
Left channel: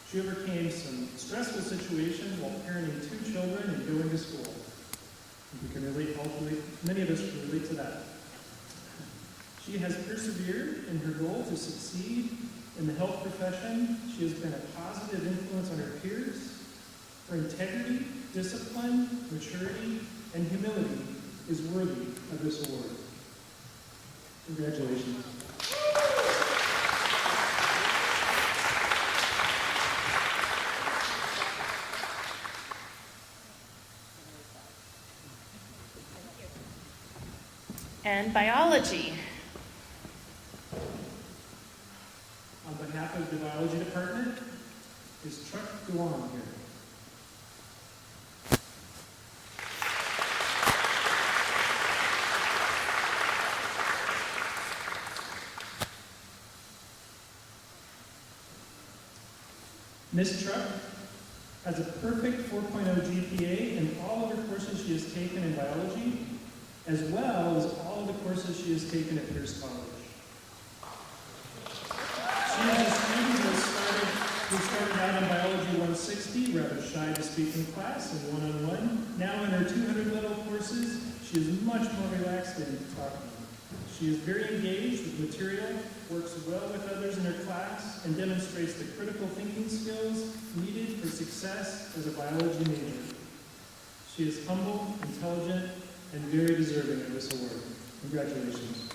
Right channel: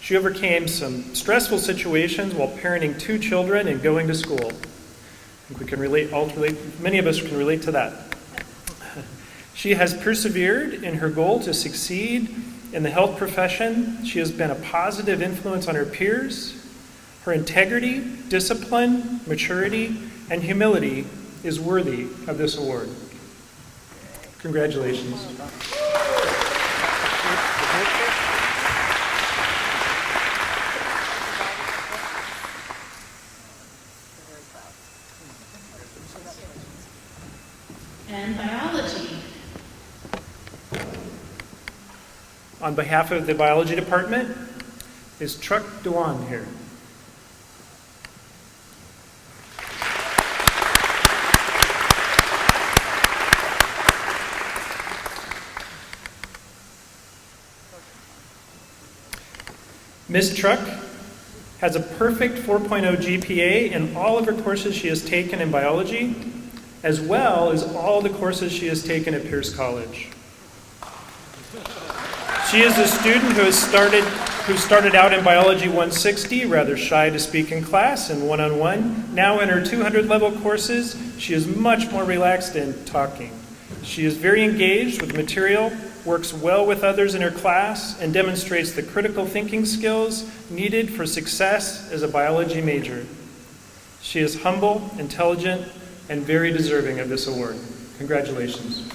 She overcame some stressful situations while parenting 2 children and going to school. I think we can relate, many of us can relate to that. She has persevered in her goal to succeed in the health profession. She has been a positive influence on her peers. Her integrity, discipline, maturity, and humility is worthy of this award. Congratulations. And biology. On behalf of the biology department, is Chuck Dewan here? Ms. Truck has a perfect 4.0 GPA in all of her courses she has taken in biology, as well as all the courses she has taken at Pierce College. She is a student who started out in Biology 160, rather shy to speak in class and one-on-one. Now in her 200 level courses, she is much more relaxed in talking. She is very engaged with material, works well with others in her class, and demonstrates the critical thinking skills needed for success as a biology major. She is humble, intelligent, and very deserving of this award. Congratulations.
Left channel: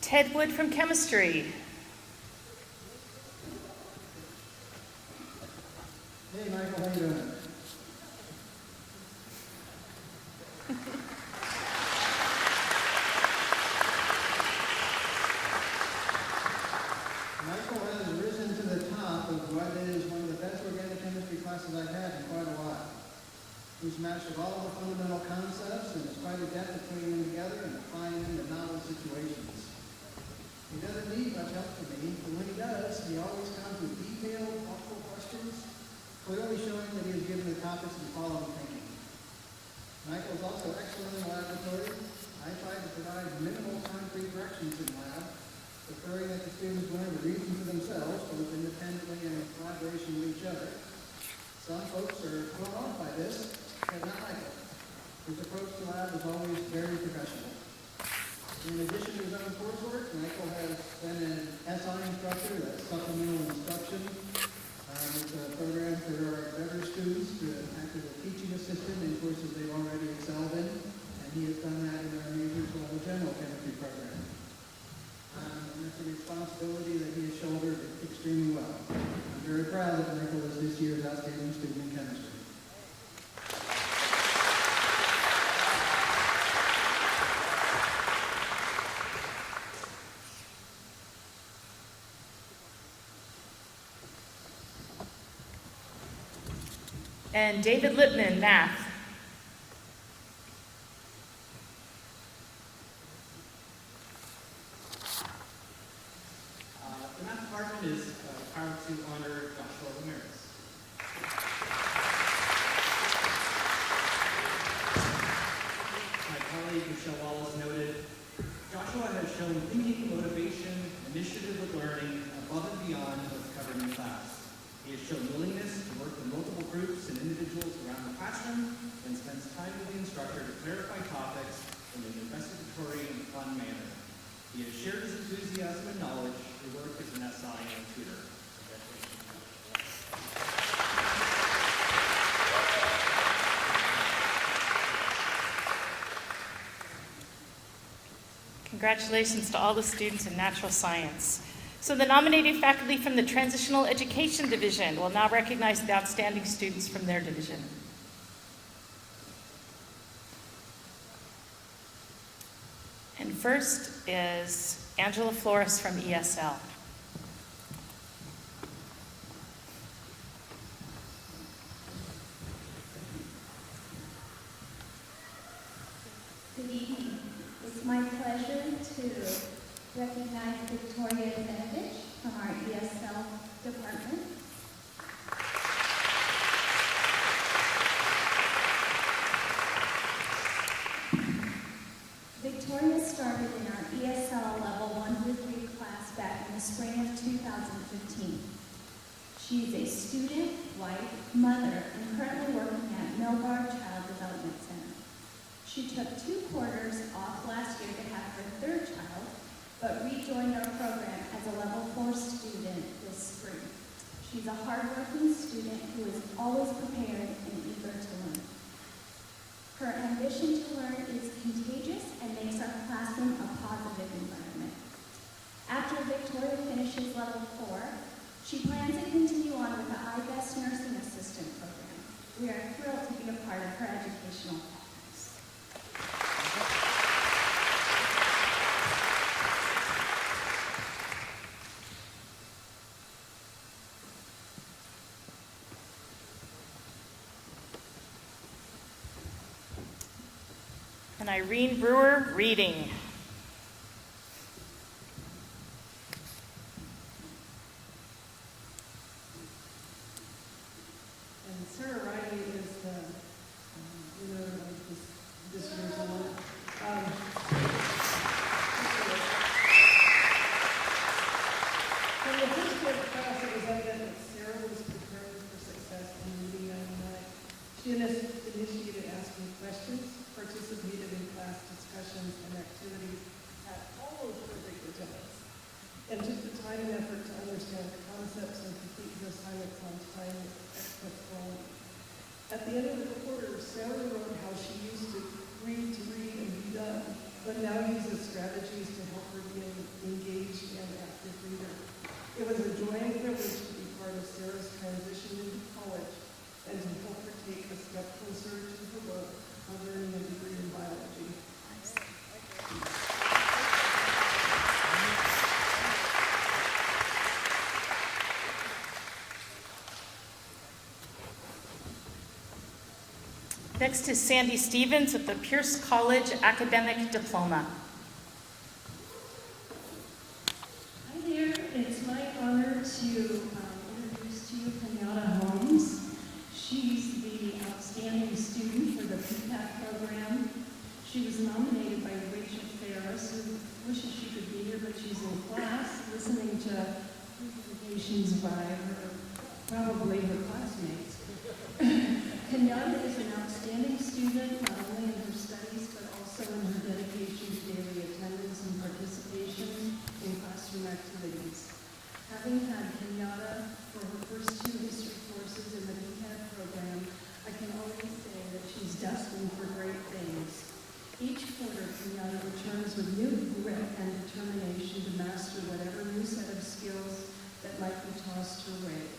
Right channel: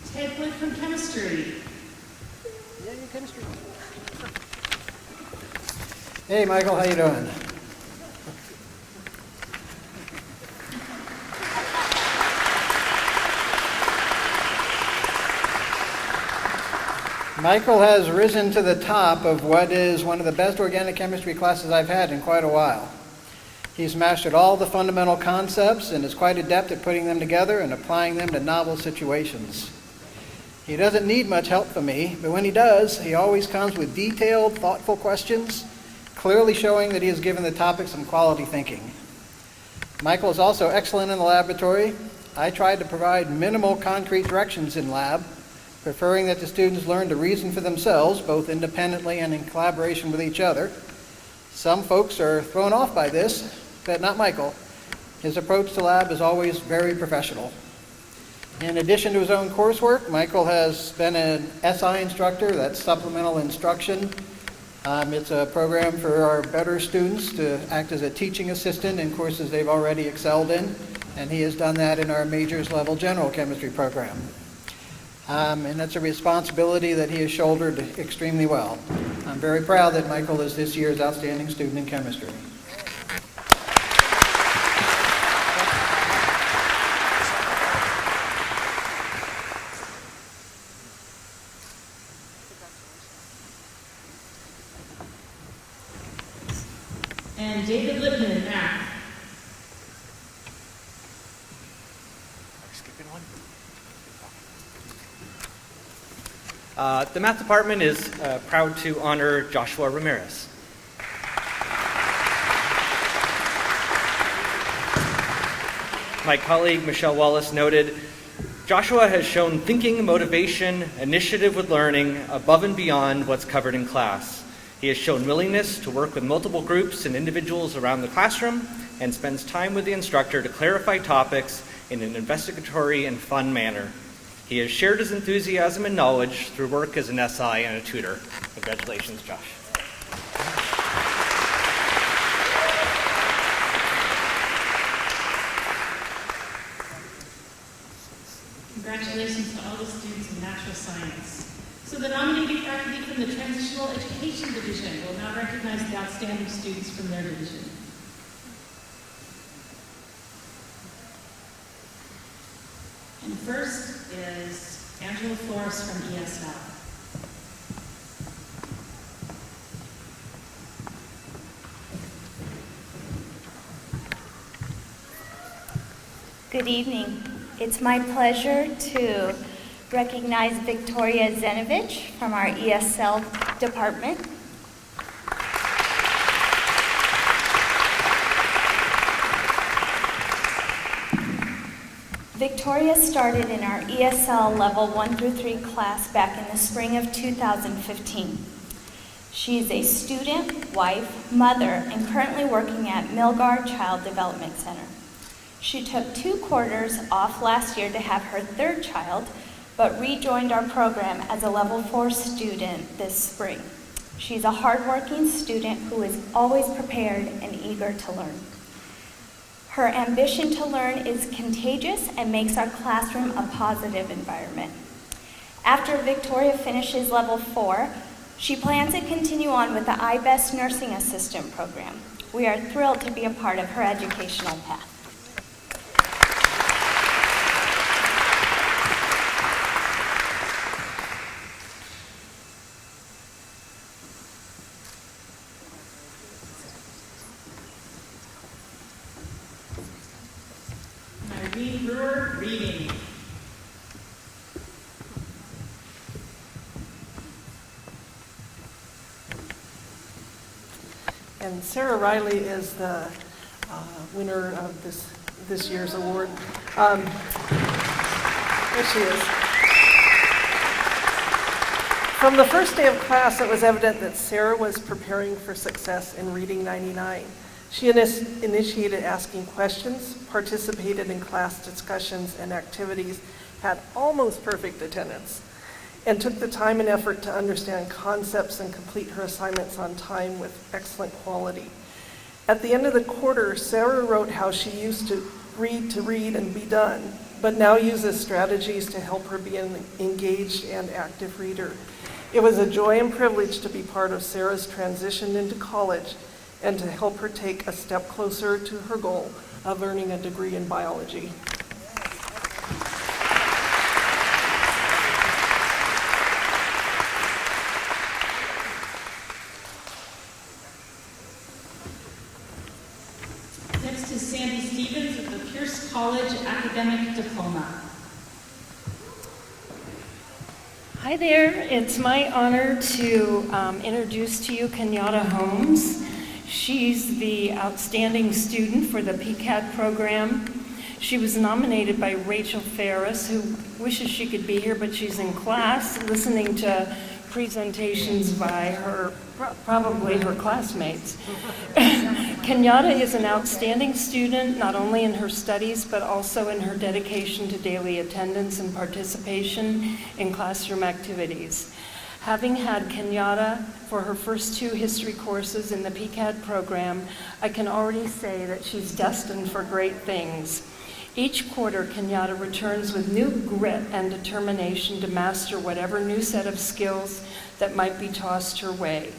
Ted Wood from chemistry. Hey, Michael, how you doing? Michael has risen to the top of what is one of the best organic chemistry classes I've had in quite a while. He's mastered all the fundamental concepts and is quite adept at putting them together and applying them to novel situations. He doesn't need much help from me, but when he does, he always comes with detailed, thoughtful questions, clearly showing that he has given the topic some quality thinking. Michael is also excellent in the laboratory. I tried to provide minimal concrete directions in lab, preferring that the students learn to reason for themselves, both independently and in collaboration with each other. Some folks are thrown off by this, but not Michael. His approach to lab is always very professional. In addition to his own coursework, Michael has been an SI instructor, that's supplemental instruction. It's a program for our better students to act as a teaching assistant in courses they've already excelled in, and he has done that in our majors level general chemistry program. And that's a responsibility that he has shouldered extremely well. I'm very proud that Michael is this year's outstanding student in chemistry. And David Lippman, math. The math department is proud to honor Joshua Ramirez. My colleague Michelle Wallace noted, Joshua has shown thinking, motivation, initiative with learning above and beyond what's covered in class. He has shown willingness to work with multiple groups and individuals around the classroom and spends time with the instructor to clarify topics in an investigatory and fun manner. He has shared his enthusiasm and knowledge through work as an SI and a tutor. Congratulations, Josh. Congratulations to all the students in natural science. So the nominated faculty from the Transitional Education Division will now recognize the outstanding students from their division. And first is Angela Flores from ESL. Good Good evening. It's my pleasure to recognize Victoria Zenovich from our ESL department. Victoria started in our ESL level 1 through 3 class back in the spring of 2015. She is a student, wife, mother, and currently working at Milgar Child Development Center. She took 2 quarters off last year to have her 3rd child, but rejoined our program as a level 4 student this spring. She's a hardworking student who is always prepared and eager to learn. Her ambition to learn is contagious and makes our classroom a positive environment. After Victoria finishes level 4, she plans to continue on with the iBest Nursing Assistant program. We are thrilled to be a part of her educational path. And Irene Brewer, reading. And Sarah Riley is the winner of this year's award. There she is. From the first day of class, it was evident that Sarah was preparing for success in Reading 99. She initiated asking questions, participated in class discussions and activities, had almost perfect attendance, and took the time and effort to understand concepts and complete her assignments on time with excellent quality. At the end of the quarter, Sarah wrote how she used to read and be done, but now uses strategies to help her be an engaged and active reader. It was a joy and privilege to be part of Sarah's transition into college and to help her take a step closer to her goal of earning a degree in biology. Next is Sandy Stevens with the Pierce College Academic Diploma. Hi there, it's my honor to introduce to you Kenyatta Holmes. She's the outstanding student for the PCAD program. She was nominated by Rachel Ferris, who wishes she could be here, but she's in class listening to presentations by her, probably her classmates. Kenyatta is an outstanding student, not only in her studies, but also in her dedication to daily attendance and participation in classroom activities. Having had Kenyatta for her first 2 history courses in the PCAD program, I can already say that she's destined for great things. Each quarter, Kenyatta returns with new grit and determination to master whatever new set of skills that might be tossed her way.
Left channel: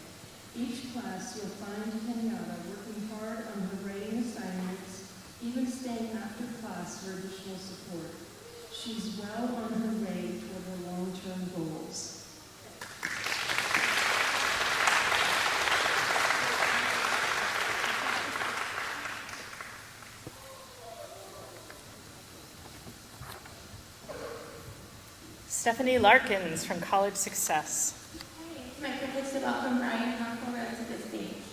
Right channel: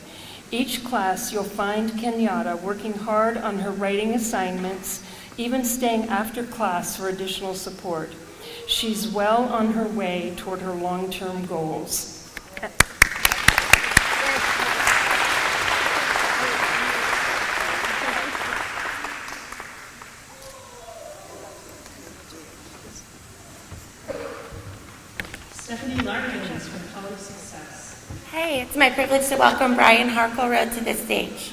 Each class, you'll find Kenyatta working hard on her writing assignments, even staying after class for additional support. She's well on her way toward her long-term goals. Stephanie Larkins from College Success. Hey, it's my privilege to welcome Brian Harkleroad to the stage.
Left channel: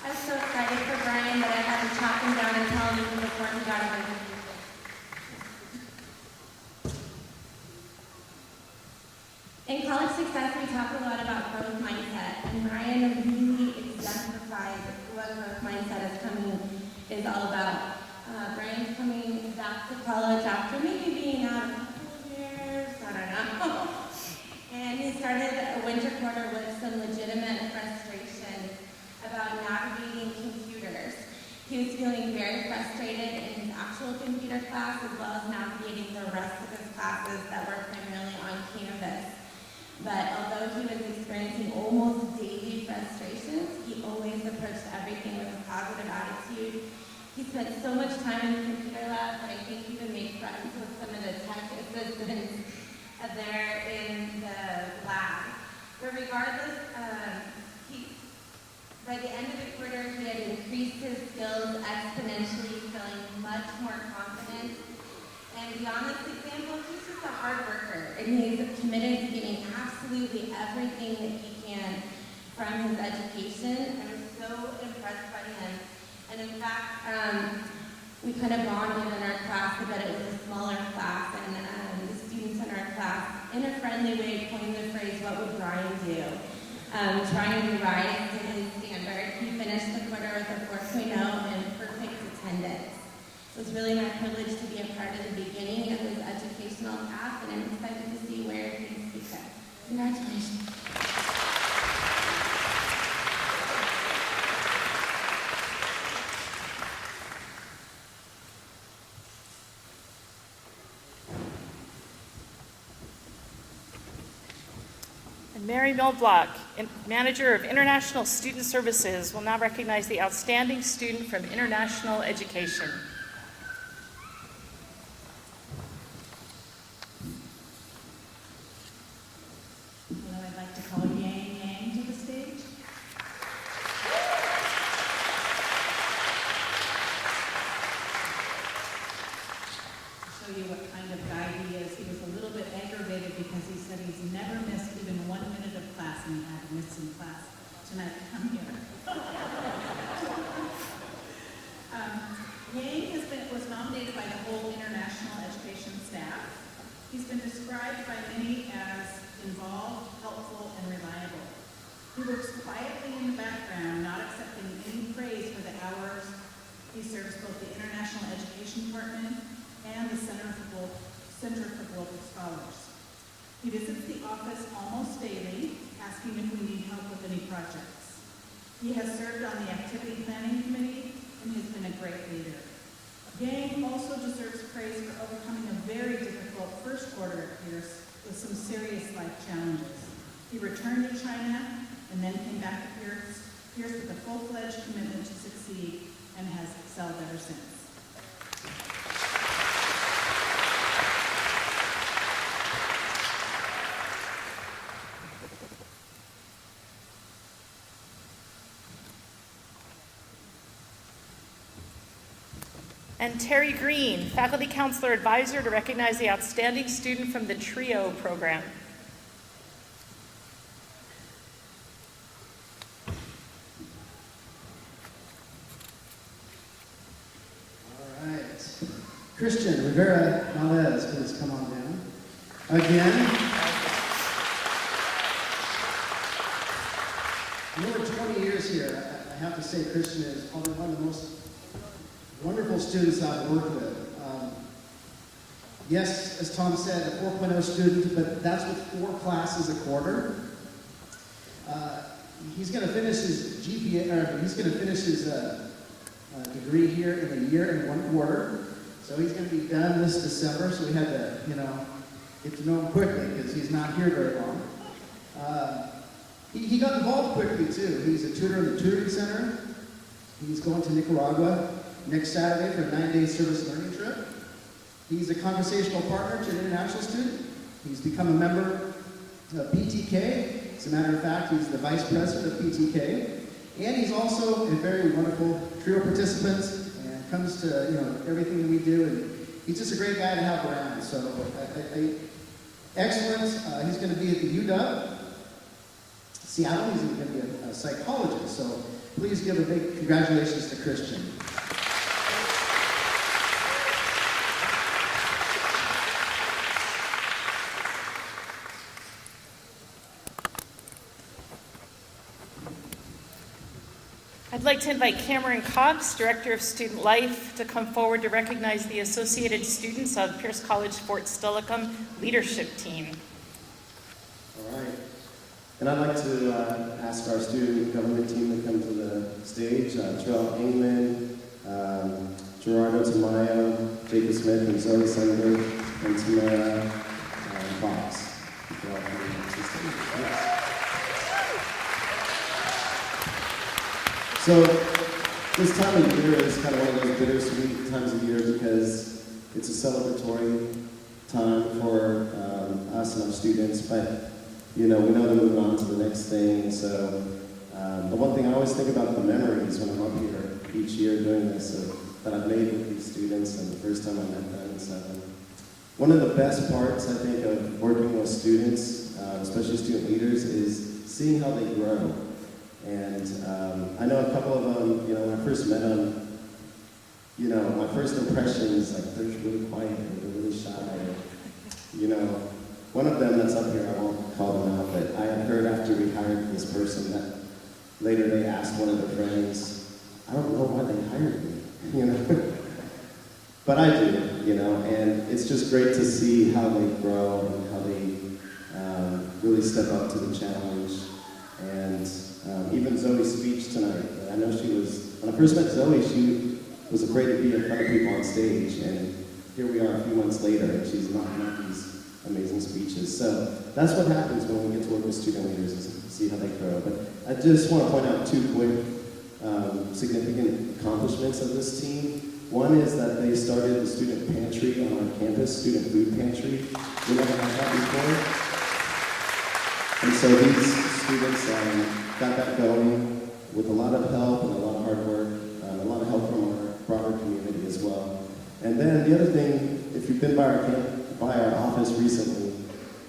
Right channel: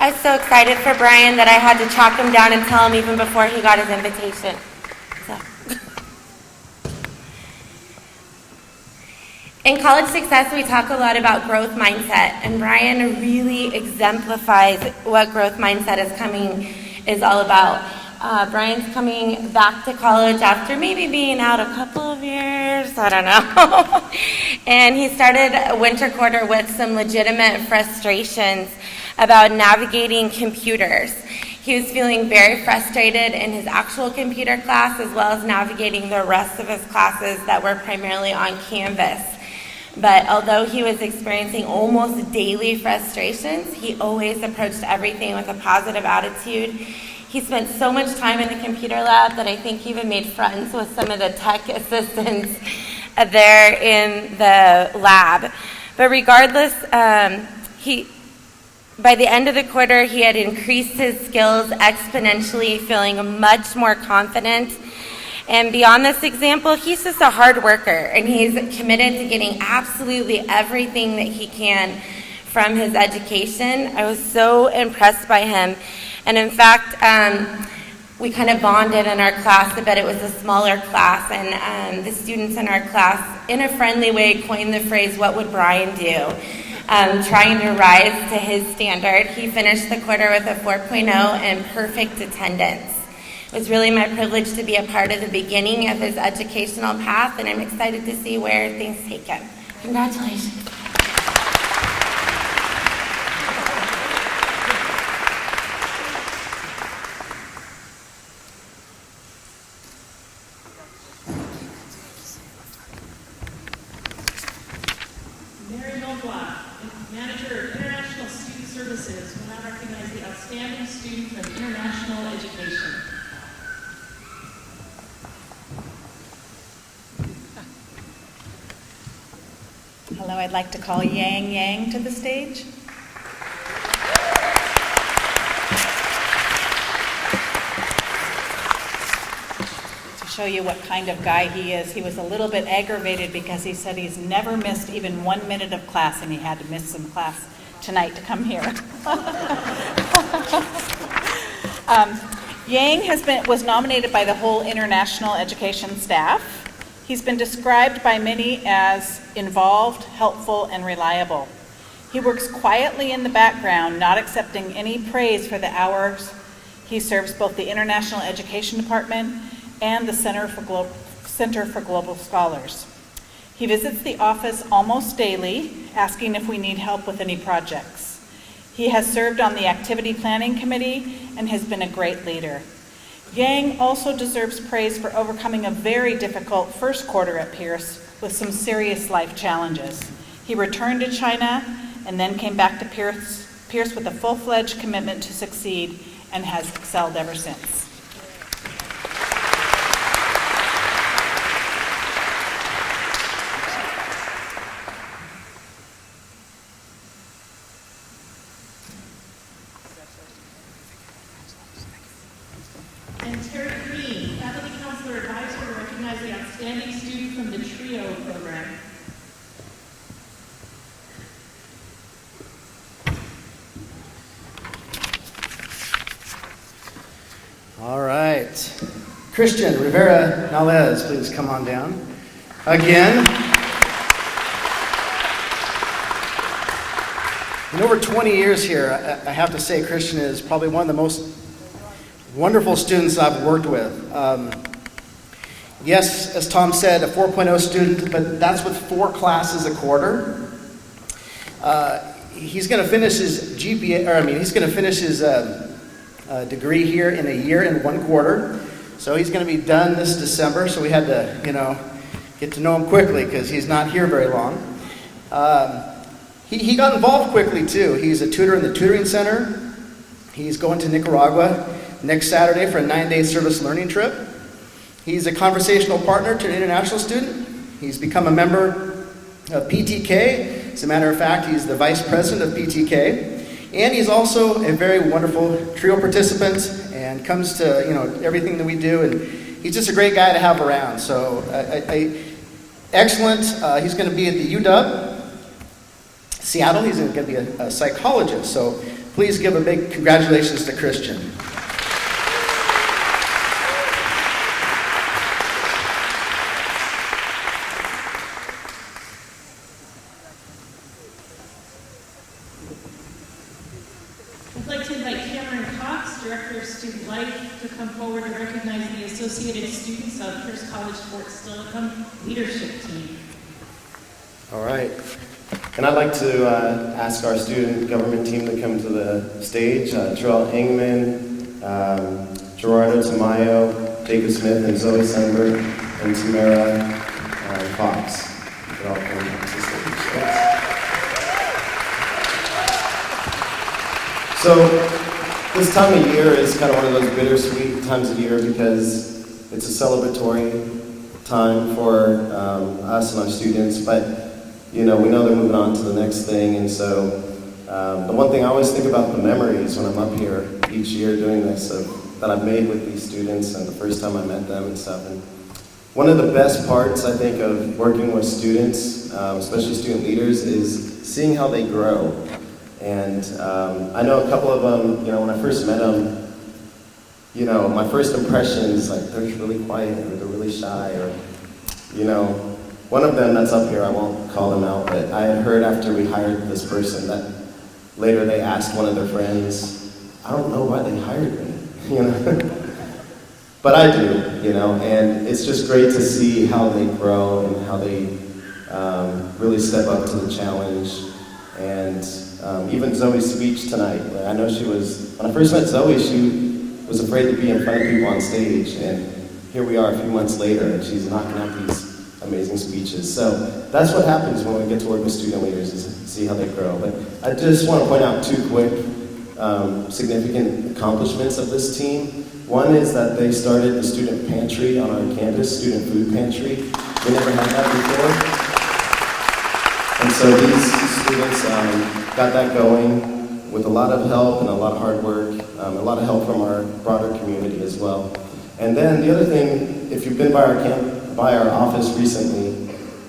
I was so excited for Brian that I had to chalk him down and tell him even before he got his invitation. In College Success, we talk a lot about growth mindset, and Brian really exemplifies what growth mindset is all about. Brian's coming back to college after maybe being out a couple of years, I don't know. And he started winter quarter with some legitimate frustrations about navigating computers. He was feeling very frustrated in his actual computer class, as well as navigating the rest of his classes that were primarily on Canvas. But although he was experiencing almost daily frustrations, he always approached everything with a positive attitude. He spent so much time in the computer lab that I think he even made friends with some of the tech assistants there in the lab. But regardless, by the end of the quarter, he had increased his skills exponentially, feeling much more confident And beyond this example, he's just a hard worker, and he's committed to getting absolutely everything that he can from his education. I was so impressed by him. And in fact, we kind of bonded in our class a bit. It was a smaller class, and the students in our class, in a friendly way, coined the phrase, "What would Brian do?" Trying to rise to his standard. He finished the quarter with a 4.0 and perfect attendance. It was really my privilege to be a part of the beginning of his educational path, and I'm excited to see where things take him. Congratulations. Mary Milblock, Manager of International Student Services, will now recognize the outstanding student from international education. Hello, I'd like to call Yang Yang to the stage. To show you what kind of guy he is, he was a little bit aggravated because he said he's never missed even 1 minute of class, and he had to miss some class tonight to come here. Yang was nominated by the whole international education staff. He's been described by many as involved, helpful, and reliable. He works quietly in the background, not accepting any praise for the hours. He serves both the International Education Department and the Center for Global Scholars. He visits the office almost daily, asking if we need help with any projects. He has served on the Activity Planning Committee and has been a great leader. Yang also deserves praise for overcoming a very difficult first quarter at Pierce with some serious life challenges. He returned to China and then came back to Pierce with a full-fledged commitment to succeed and has excelled ever since. And Terry Green, Faculty Counselor Advisor, to recognize the outstanding student from the TRIO program. All right. Christian Rivera Nalez, please come on down. Again. In over 20 years here, I have to say Christian is probably one of the most wonderful students I've worked with. Yes, as Tom said, a 4.0 student, but that's with 4 classes a quarter. He's going to finish his he's going to finish his degree here in a year and 1 quarter. So he's going to be done this December. So we had to, get to know him quickly because he's not here very long. He got involved quickly too. He's a tutor in the tutoring center. He's going to Nicaragua next Saturday for a 9-day service learning trip. He's a conversational partner to an international student. He's become a member of PTK. As a matter of fact, he's the vice president of PTK. And he's also a very wonderful TRIO participant and comes to everything that we do. And he's just a great guy to have around. So excellent. He's going to be at the UW Seattle. He's going to be a psychologist. So please give a big congratulations to Christian. I'd like to invite Cameron Cox, Director of Student Life, to come forward to recognize the associated students of Pierce College Fort Steilacoom leadership team. All right. And I'd like to ask our student government team to come to the stage. Terrell Engman, Gerardo Tamayo, David Smith, and Zoe Sundberg, and Tamara Fox. You could all come to the stage. Thanks. So this time of year is kind of one of those bittersweet times of year because it's a celebratory time for us and our students, but we know they're moving on to the next thing, and so the one thing I always think about the memories when I'm up here each year doing this that I've made with these students and the first time I met them and stuff. And One of the best parts, I think, of working with students, especially student leaders, is seeing how they grow. And I know a couple of them, when I first met them, my first impression is like, they're really quiet, or they're really shy, or, one of them that's up here, I won't call them out, but I had heard after we hired this person that later they asked one of their friends, I don't know why they hired me, But I do, and it's just great to see how they grow and how they really step up to the challenge. And even Zoe's speech tonight, I know when I first met Zoe, she was afraid to be in front of people on stage, and here we are a few months later, and she's knocking out these amazing speeches. So that's what happens when we get to work with student leaders, is see how they grow. But I just want to point out 2 quick significant accomplishments of this team. One is that they started the student pantry on our campus, student food pantry. We never had that before. And so these students got that going with a lot of help and a lot of hard work, a lot of help from our broader community as well. And then the other thing, if you've been by our office recently,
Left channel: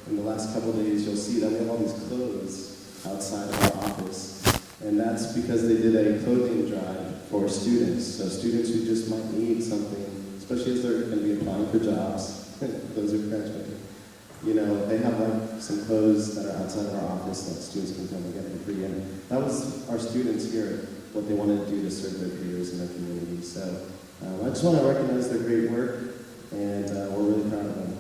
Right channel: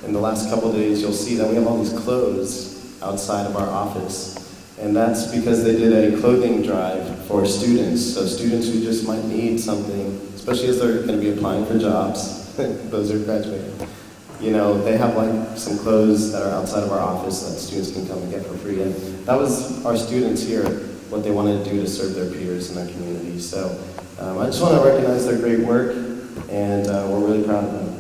in the last couple of days, you'll see that we have all these clothes outside of our office. And that's because they did a clothing drive for students. So students who just might need something, especially as they're going to be applying for jobs, those are graduating. They have like some clothes that are outside of our office that students can come and get for free. And that was our students here, what they wanted to do to serve their peers in our community. So I just want to recognize their great work, and we're really proud of them.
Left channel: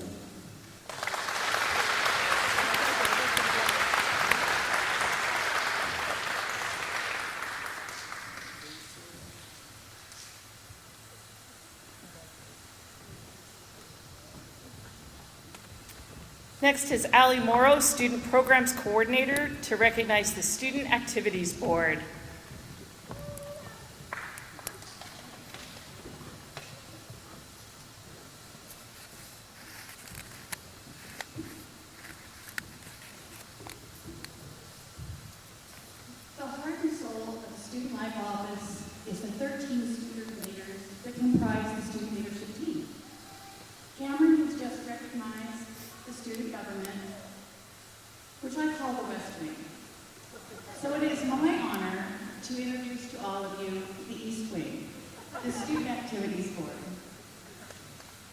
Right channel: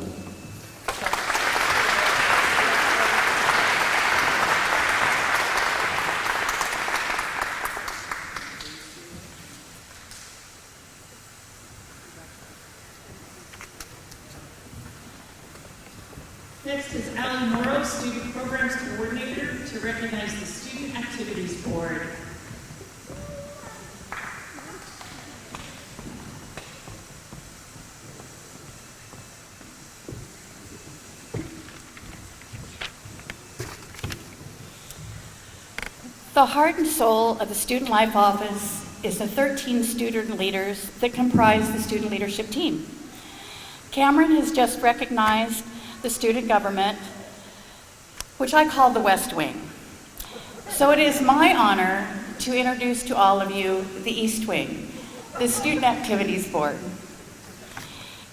Next is Allie Morrow, Student Programs Coordinator, to recognize the Student Activities Board. The heart and soul of the Student Life Office is the 13 student leaders that comprise the student leadership team. Cameron has just recognized the student government, which I call the West Wing. So it is my honor to introduce to all of you the East Wing, the Student Activities Board.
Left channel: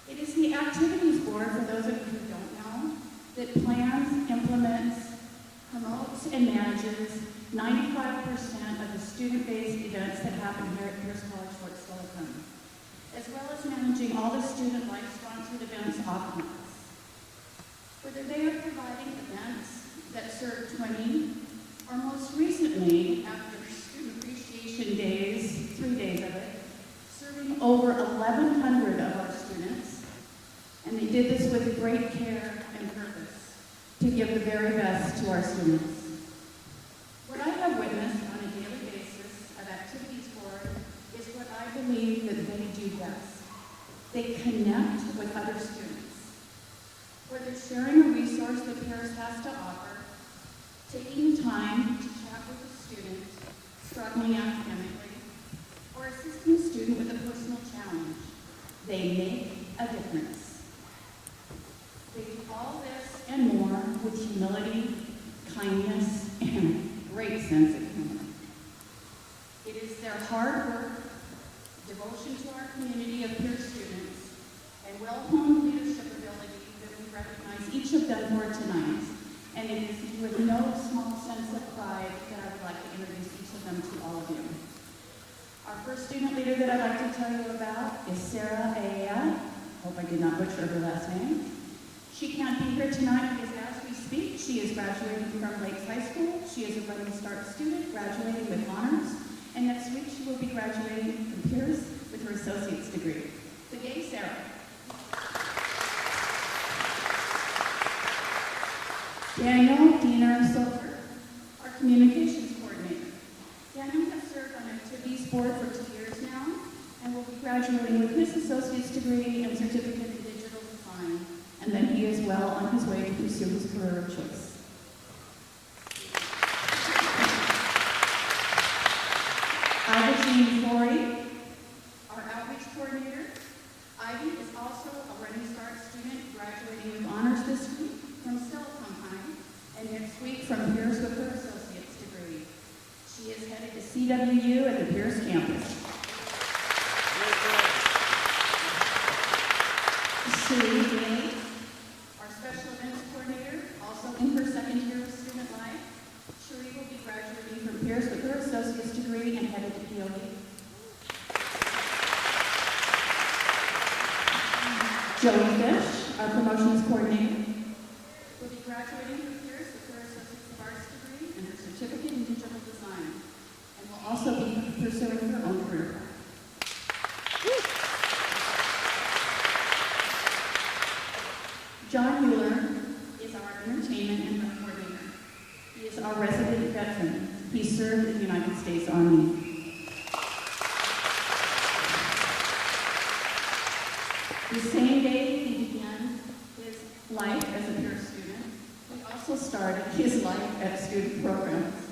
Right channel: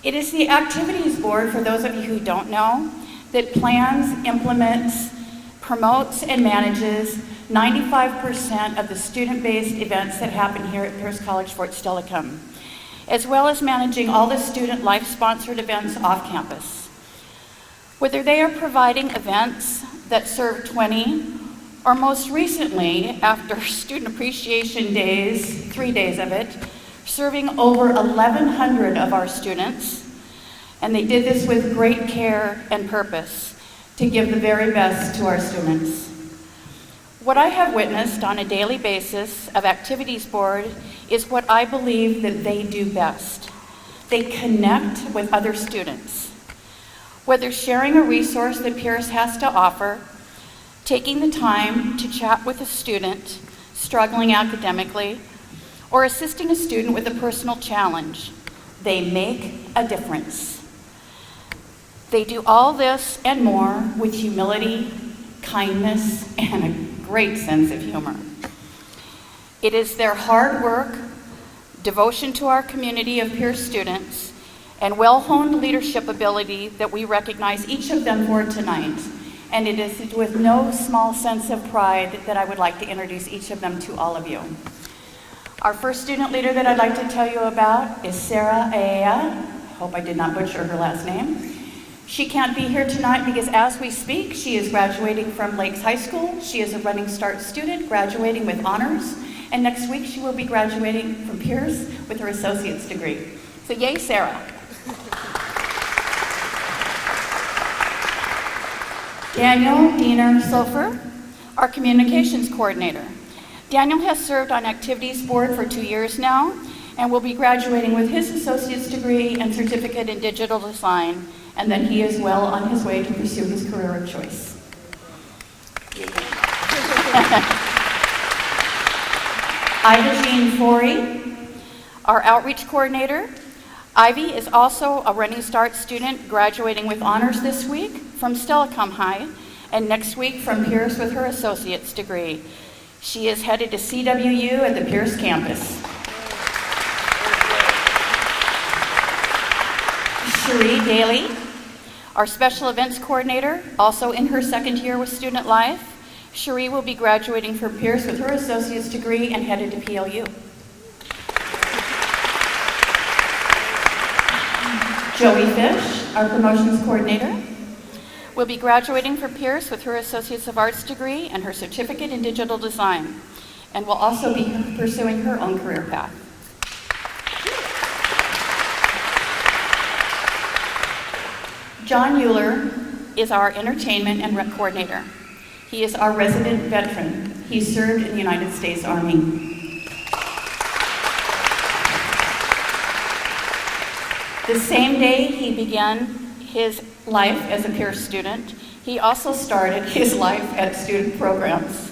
It is the Activities Board, for those of you who don't know, that plans, implements, promotes, and manages 95% of the student-based events that happen here at Pierce College Fort Steilacoom, as well as managing all the student life-sponsored events off campus. Whether they are providing events that serve 20, or most recently, after Student Appreciation Days, 3 days of it, serving over 1,100 of our students, and they did this with great care and purpose to give the very best to our students. What I have witnessed on a daily basis of Activities Board is what I believe that they do best. They connect with other students. Whether sharing a resource that Pierce has to offer, taking the time to chat with a student struggling academically, or assisting a student with a personal challenge, they make a difference. They do all this and more with humility, kindness, and a great sense of humor. It is their hard work, devotion to our community of Pierce students, and well-honed leadership ability that we recognize each of them for tonight. And it is with no small sense of pride that I would like to introduce each of them to all of you. Our first student leader that I'd like to tell you about is Sarah Aea. I hope I did not butcher her last name. She can't be here tonight because as we speak, she is graduating from Lakes High School. She is a Running Start student, graduating with honors. And next week, she will be graduating from Pierce with her associate's degree. So yay, Sarah. Daniel Diener Sofer, our communications coordinator. Daniel has served on Activities Board for 2 years now and will be graduating with his associate's degree and certificate in digital design, and that he is well on his way to pursue his career of choice. Ida Jean Forey, our outreach coordinator. Ivy is also a Running Start student graduating with honors this week from Steilacoom High, and next week from Pierce with her associate's degree. She is headed to CWU at the Pierce campus. Cherie Daly, our special events coordinator, also in her second year with Student Life. Cherie will be graduating from Pierce with her associate's degree and headed to PLU. Joey Fish, our promotions coordinator, will be graduating from Pierce with her Associates of Arts degree and her certificate in digital design, and will also be pursuing her own career path. John Euler is our entertainment and rec coordinator. He is our resident veteran. He served in the United States Army. The same day he began his life as a Pierce student, he also started his life at student programs.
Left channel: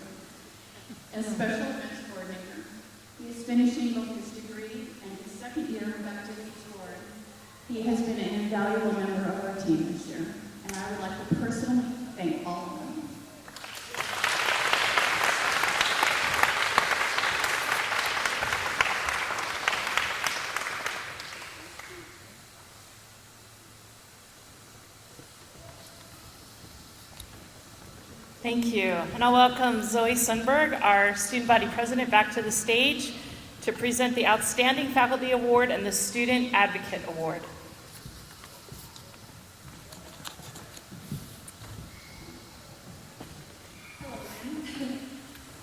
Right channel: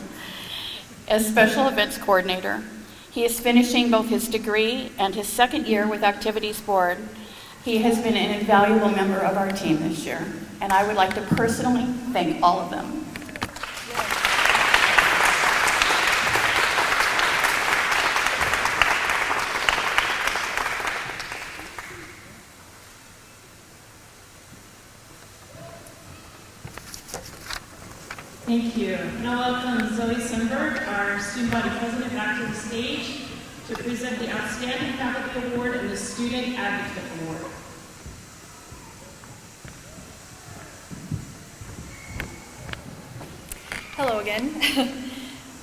As special events coordinator, he is finishing both his degree and his second year with Activities Board. He has been an invaluable member of our team this year, and I would like to personally thank all of them. Thank you. And I'll welcome Zoe Sundberg, our student body president, back to the stage to present the Outstanding Faculty Award and the Student Advocate Award. Hello again.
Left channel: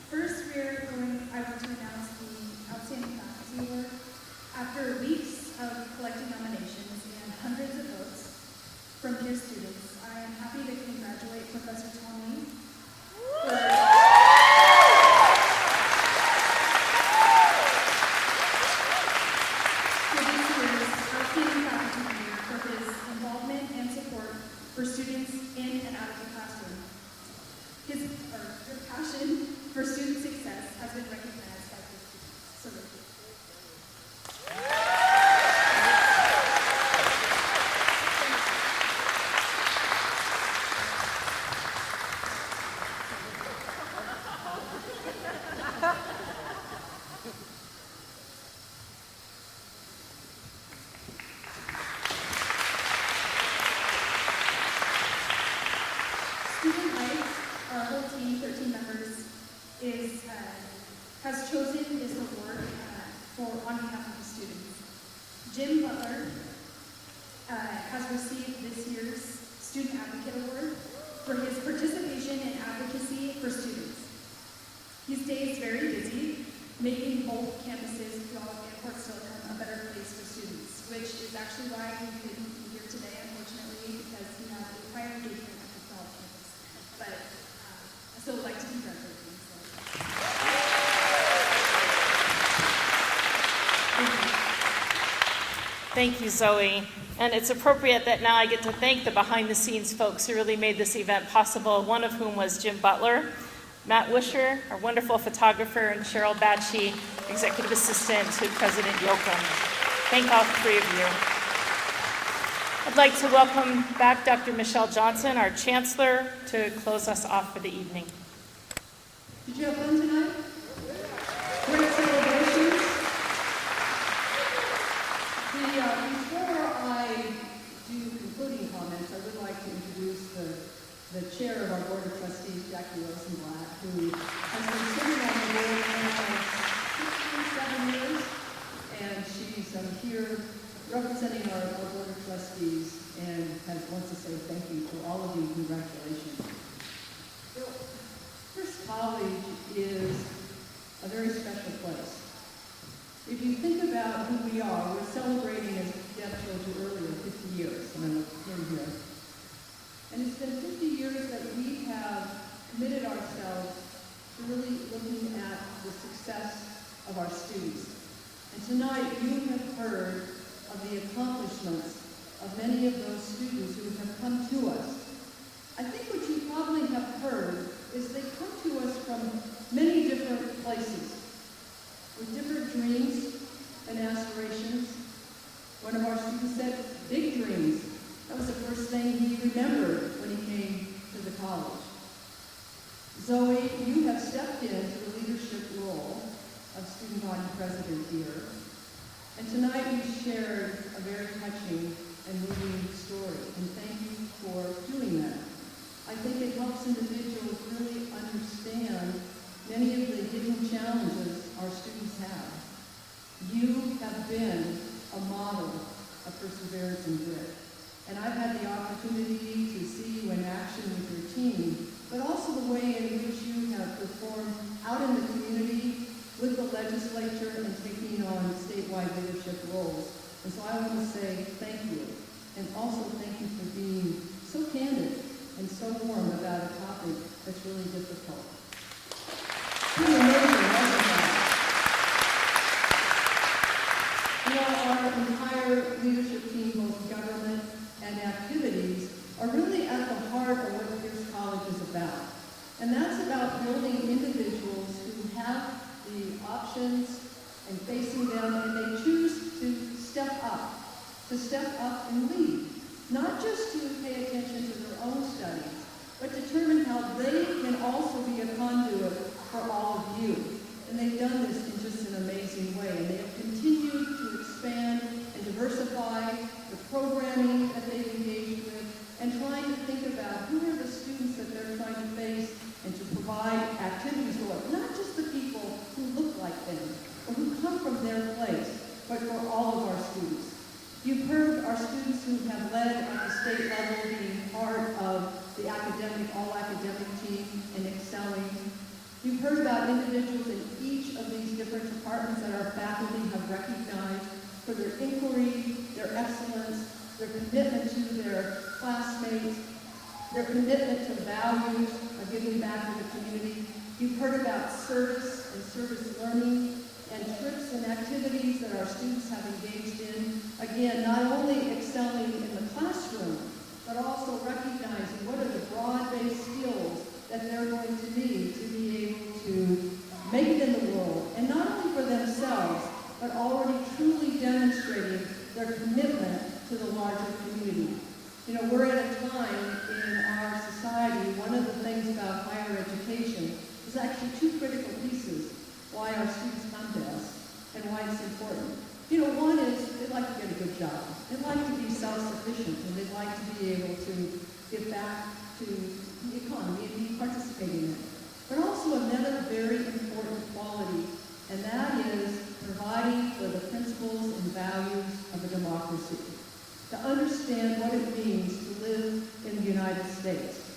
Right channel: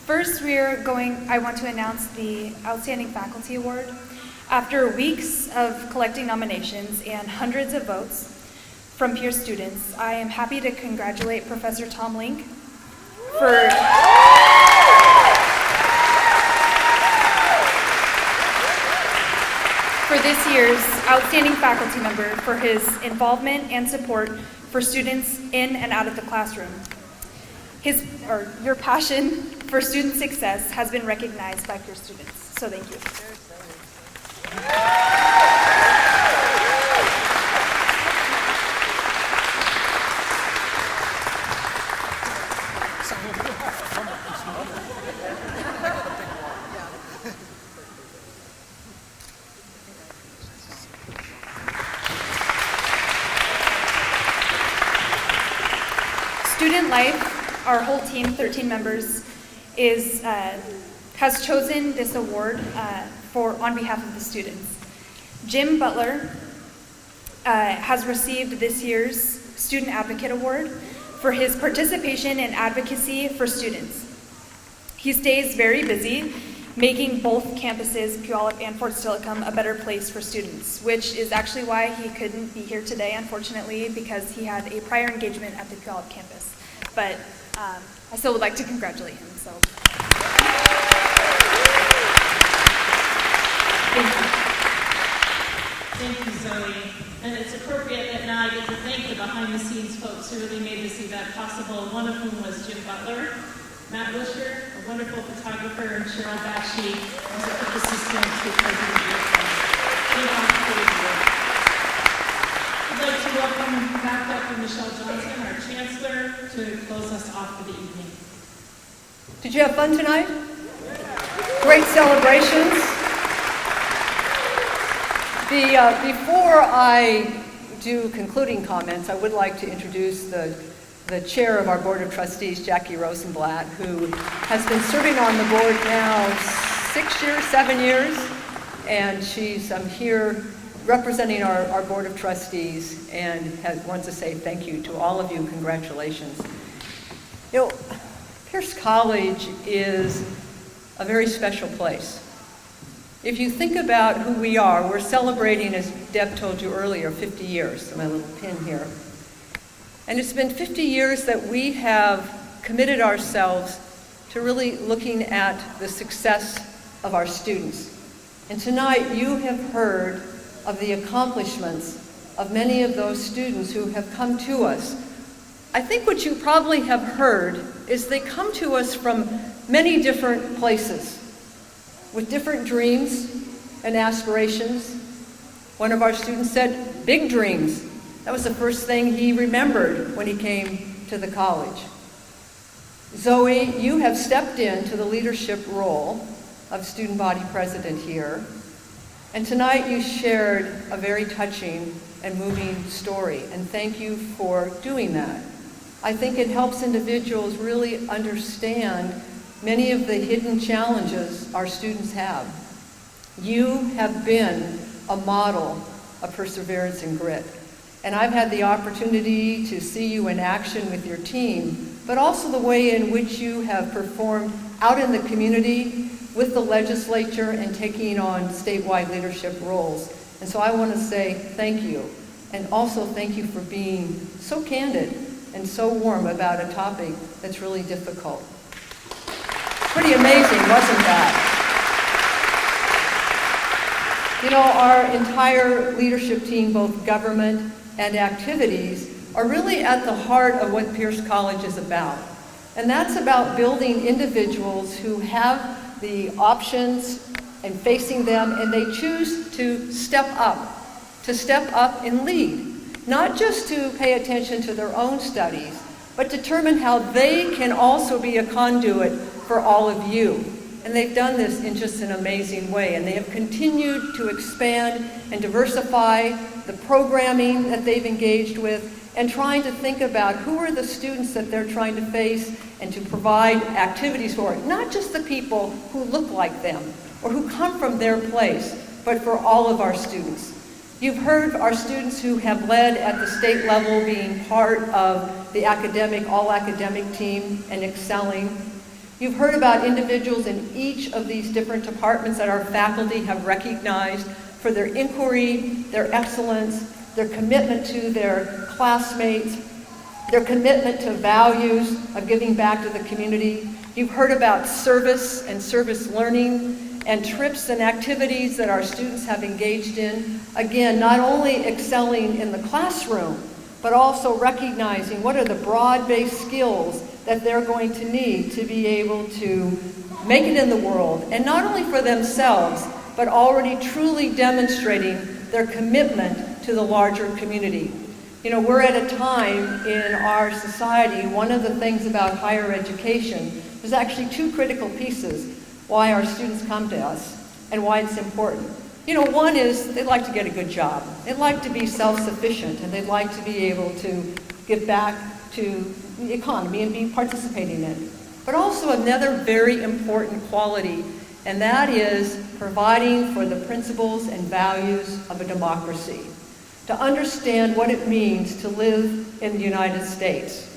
First, I want to announce the Outstanding Faculty Award. After weeks of collecting nominations and hundreds of votes from Pierce students, I am happy to congratulate Professor Tom Link for this year's Outstanding Faculty Member for his involvement and support for students in and out of the classroom. Your passion for student success has been recognized by Pierce students, so thank you. Student Life, our whole team, 13 members, has chosen this award on behalf of the students. Jim Butler has received this year's Student Advocate Award for his participation and advocacy for students. He stays very busy, making both campuses, Puyallup and Fort Steilacoom, a better place for students, which is actually why he couldn't be here today, unfortunately, because he had a prior engagement at the Puyallup campus. But I still would like to congratulate him. So. Thank you, Zoe. And it's appropriate that now I get to thank the behind-the-scenes folks who really made this event possible, one of whom was Jim Butler, Matt Wisher, our wonderful photographer, and Cheryl Batchy, executive assistant to President Yoakum. Thank all three of you. I'd like to welcome back Dr. Michelle Johnson, our chancellor, to close us off for the evening. Did you have fun tonight? Great celebrations. Before I do concluding comments, I would like to introduce the chair of our Board of Trustees, Jackie Rosenblatt, who has been serving on the board now 7 years, and she's here representing our Board of Trustees and wants to say thank you to all of you. Congratulations. You know, Pierce College is a very special place. If you think about who we are, we're celebrating, as Deb told you earlier, 50 years. My little pin here. And it's been 50 years that we have committed ourselves to really looking at the success of our students. And tonight you have heard of the accomplishments of many of those students who have come to us. I think what you probably have heard is they come to us from many different places, with different dreams and aspirations. One of our students said, big dreams. That was the first thing he remembered when he came to the college. Zoe, you have stepped into the leadership role of student body president here. And tonight you shared a very touching and moving story, and thank you for doing that. I think it helps individuals really understand many of the hidden challenges our students have. You have been a model of perseverance and grit. And I've had the opportunity to see you in action with your team, but also the way in which you have performed out in the community with the legislature and taking on statewide leadership roles. And so I want to say thank you. And also thank you for being so candid and so warm about a topic that's really difficult. Pretty amazing, wasn't that? You know, our entire leadership team, both government and activities, are really at the heart of what Pierce College is about. And that's about building individuals who have the options and facing them, and they choose to step up and lead. Not just to pay attention to their own studies, but determine how they can also be a conduit for all of you. And they've done this in just an amazing way, and they have continued to expand and diversify the programming that they've engaged with, and trying to think about who are the students that they're trying to face and to provide activities for. Not just the people who look like them or who come from their place, but for all of our students. You've heard our students who have led at the state level being part of the all academic team and excelling. You've heard about individuals in each of these different departments that our faculty have recognized for their inquiry, their excellence, their commitment to their classmates, their commitment to values of giving back to the community. You've heard about service and service learning and trips and activities that our students have engaged in. Again, not only excelling in the classroom, but also recognizing what are the broad-based skills that they're going to need to be able to make it in the world, and not only for themselves, but already truly demonstrating their commitment to the larger community. You know, we're at a time in our society, one of the things about higher education, there's actually two critical pieces why our students come to us and why it's important. You know, one is they'd like to get a good job. They'd like to be self-sufficient, and they'd like to be able to give back to the economy and be participating in it. But also another very important quality, and that is providing for the principles and values of a democracy. To understand what it means to live in the United States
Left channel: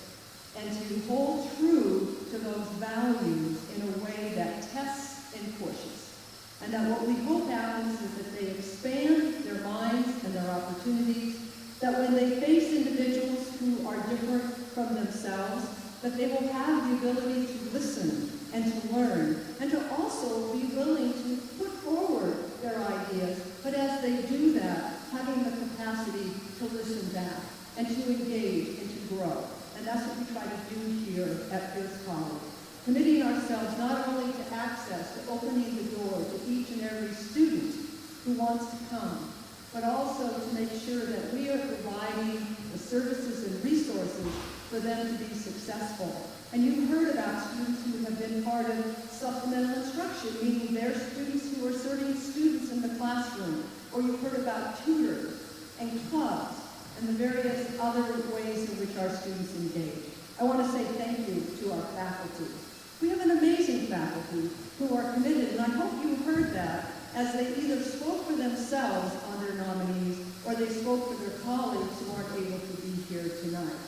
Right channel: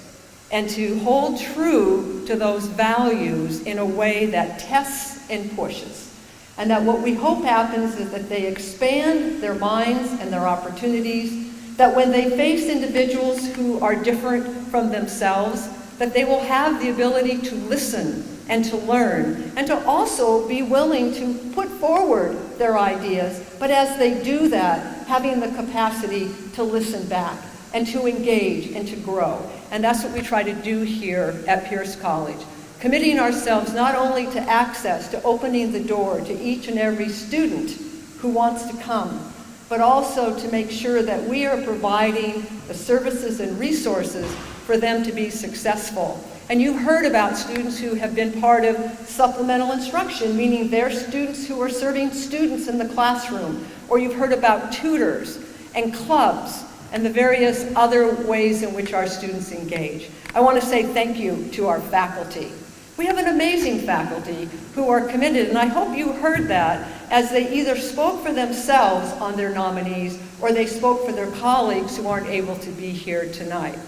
and to hold true to those values in a way that tests and pushes. And that what we hope happens is that they expand their minds and their opportunities, that when they face individuals who are different from themselves, that they will have the ability to listen and to learn, and to also be willing to put forward their ideas, but as they do that, having the capacity to listen back and to engage and to grow. And that's what we try to do here at Pierce College, committing ourselves not only to access, to opening the door to each and every student who wants to come, but also to make sure that we are providing the services and resources for them to be successful. And you've heard about students who have been part of supplemental instruction, meaning they're students who are serving students in the classroom. Or you've heard about tutors and clubs and the various other ways in which our students engage. I want to say thank you to our faculty. We have an amazing faculty who are committed, and I hope you heard that as they either spoke for themselves on their nominees or they spoke for their colleagues who aren't able to be here tonight.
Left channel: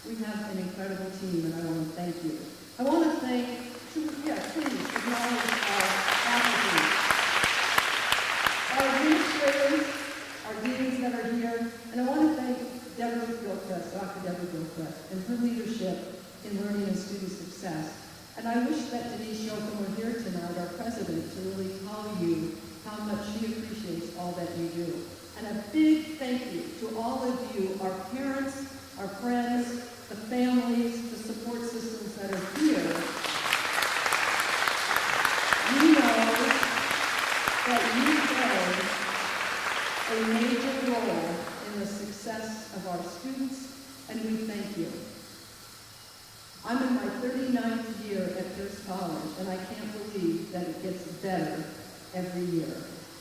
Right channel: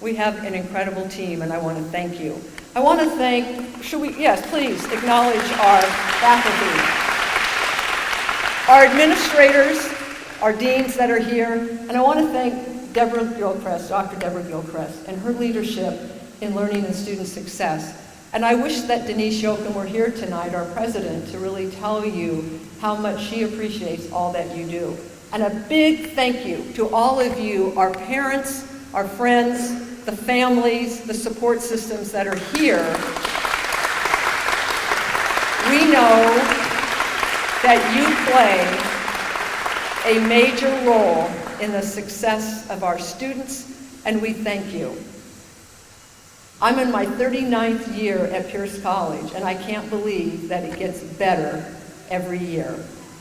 We have an incredible team, and I want to thank you. I want to thank, yes, please acknowledge our faculty, our administrators, our deans that are here, and I want to thank Deborah Gilchrist, Dr. Deborah Gilchrist, and her leadership in learning and student success. And I wish that Denise Yoakum were here tonight, our president, to really tell you how much she appreciates all that you do. And a big thank you to all of you, our parents, our friends, the families, the support systems that are here. We know that you play a major role in the success of our students, and we thank you. I'm in my 39th year at Pierce College, and I can't believe that it gets better every year,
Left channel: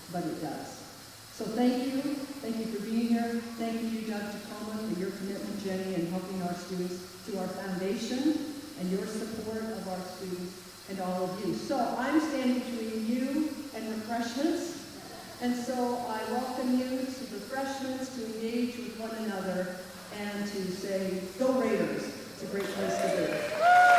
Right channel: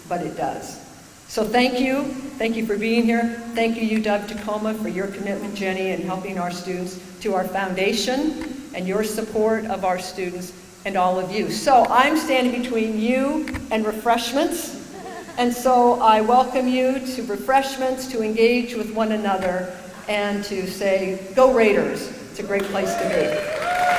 but it does. So thank you. Thank you for being here. Thank you, UW-Tacoma, for your commitment, Jenny, in helping our students, to our foundation, and your support of our students and all of you. So I'm standing between you and refreshments, and so I welcome you to refreshments, to engage with one another, and to say, go Raiders. It's a great place to be.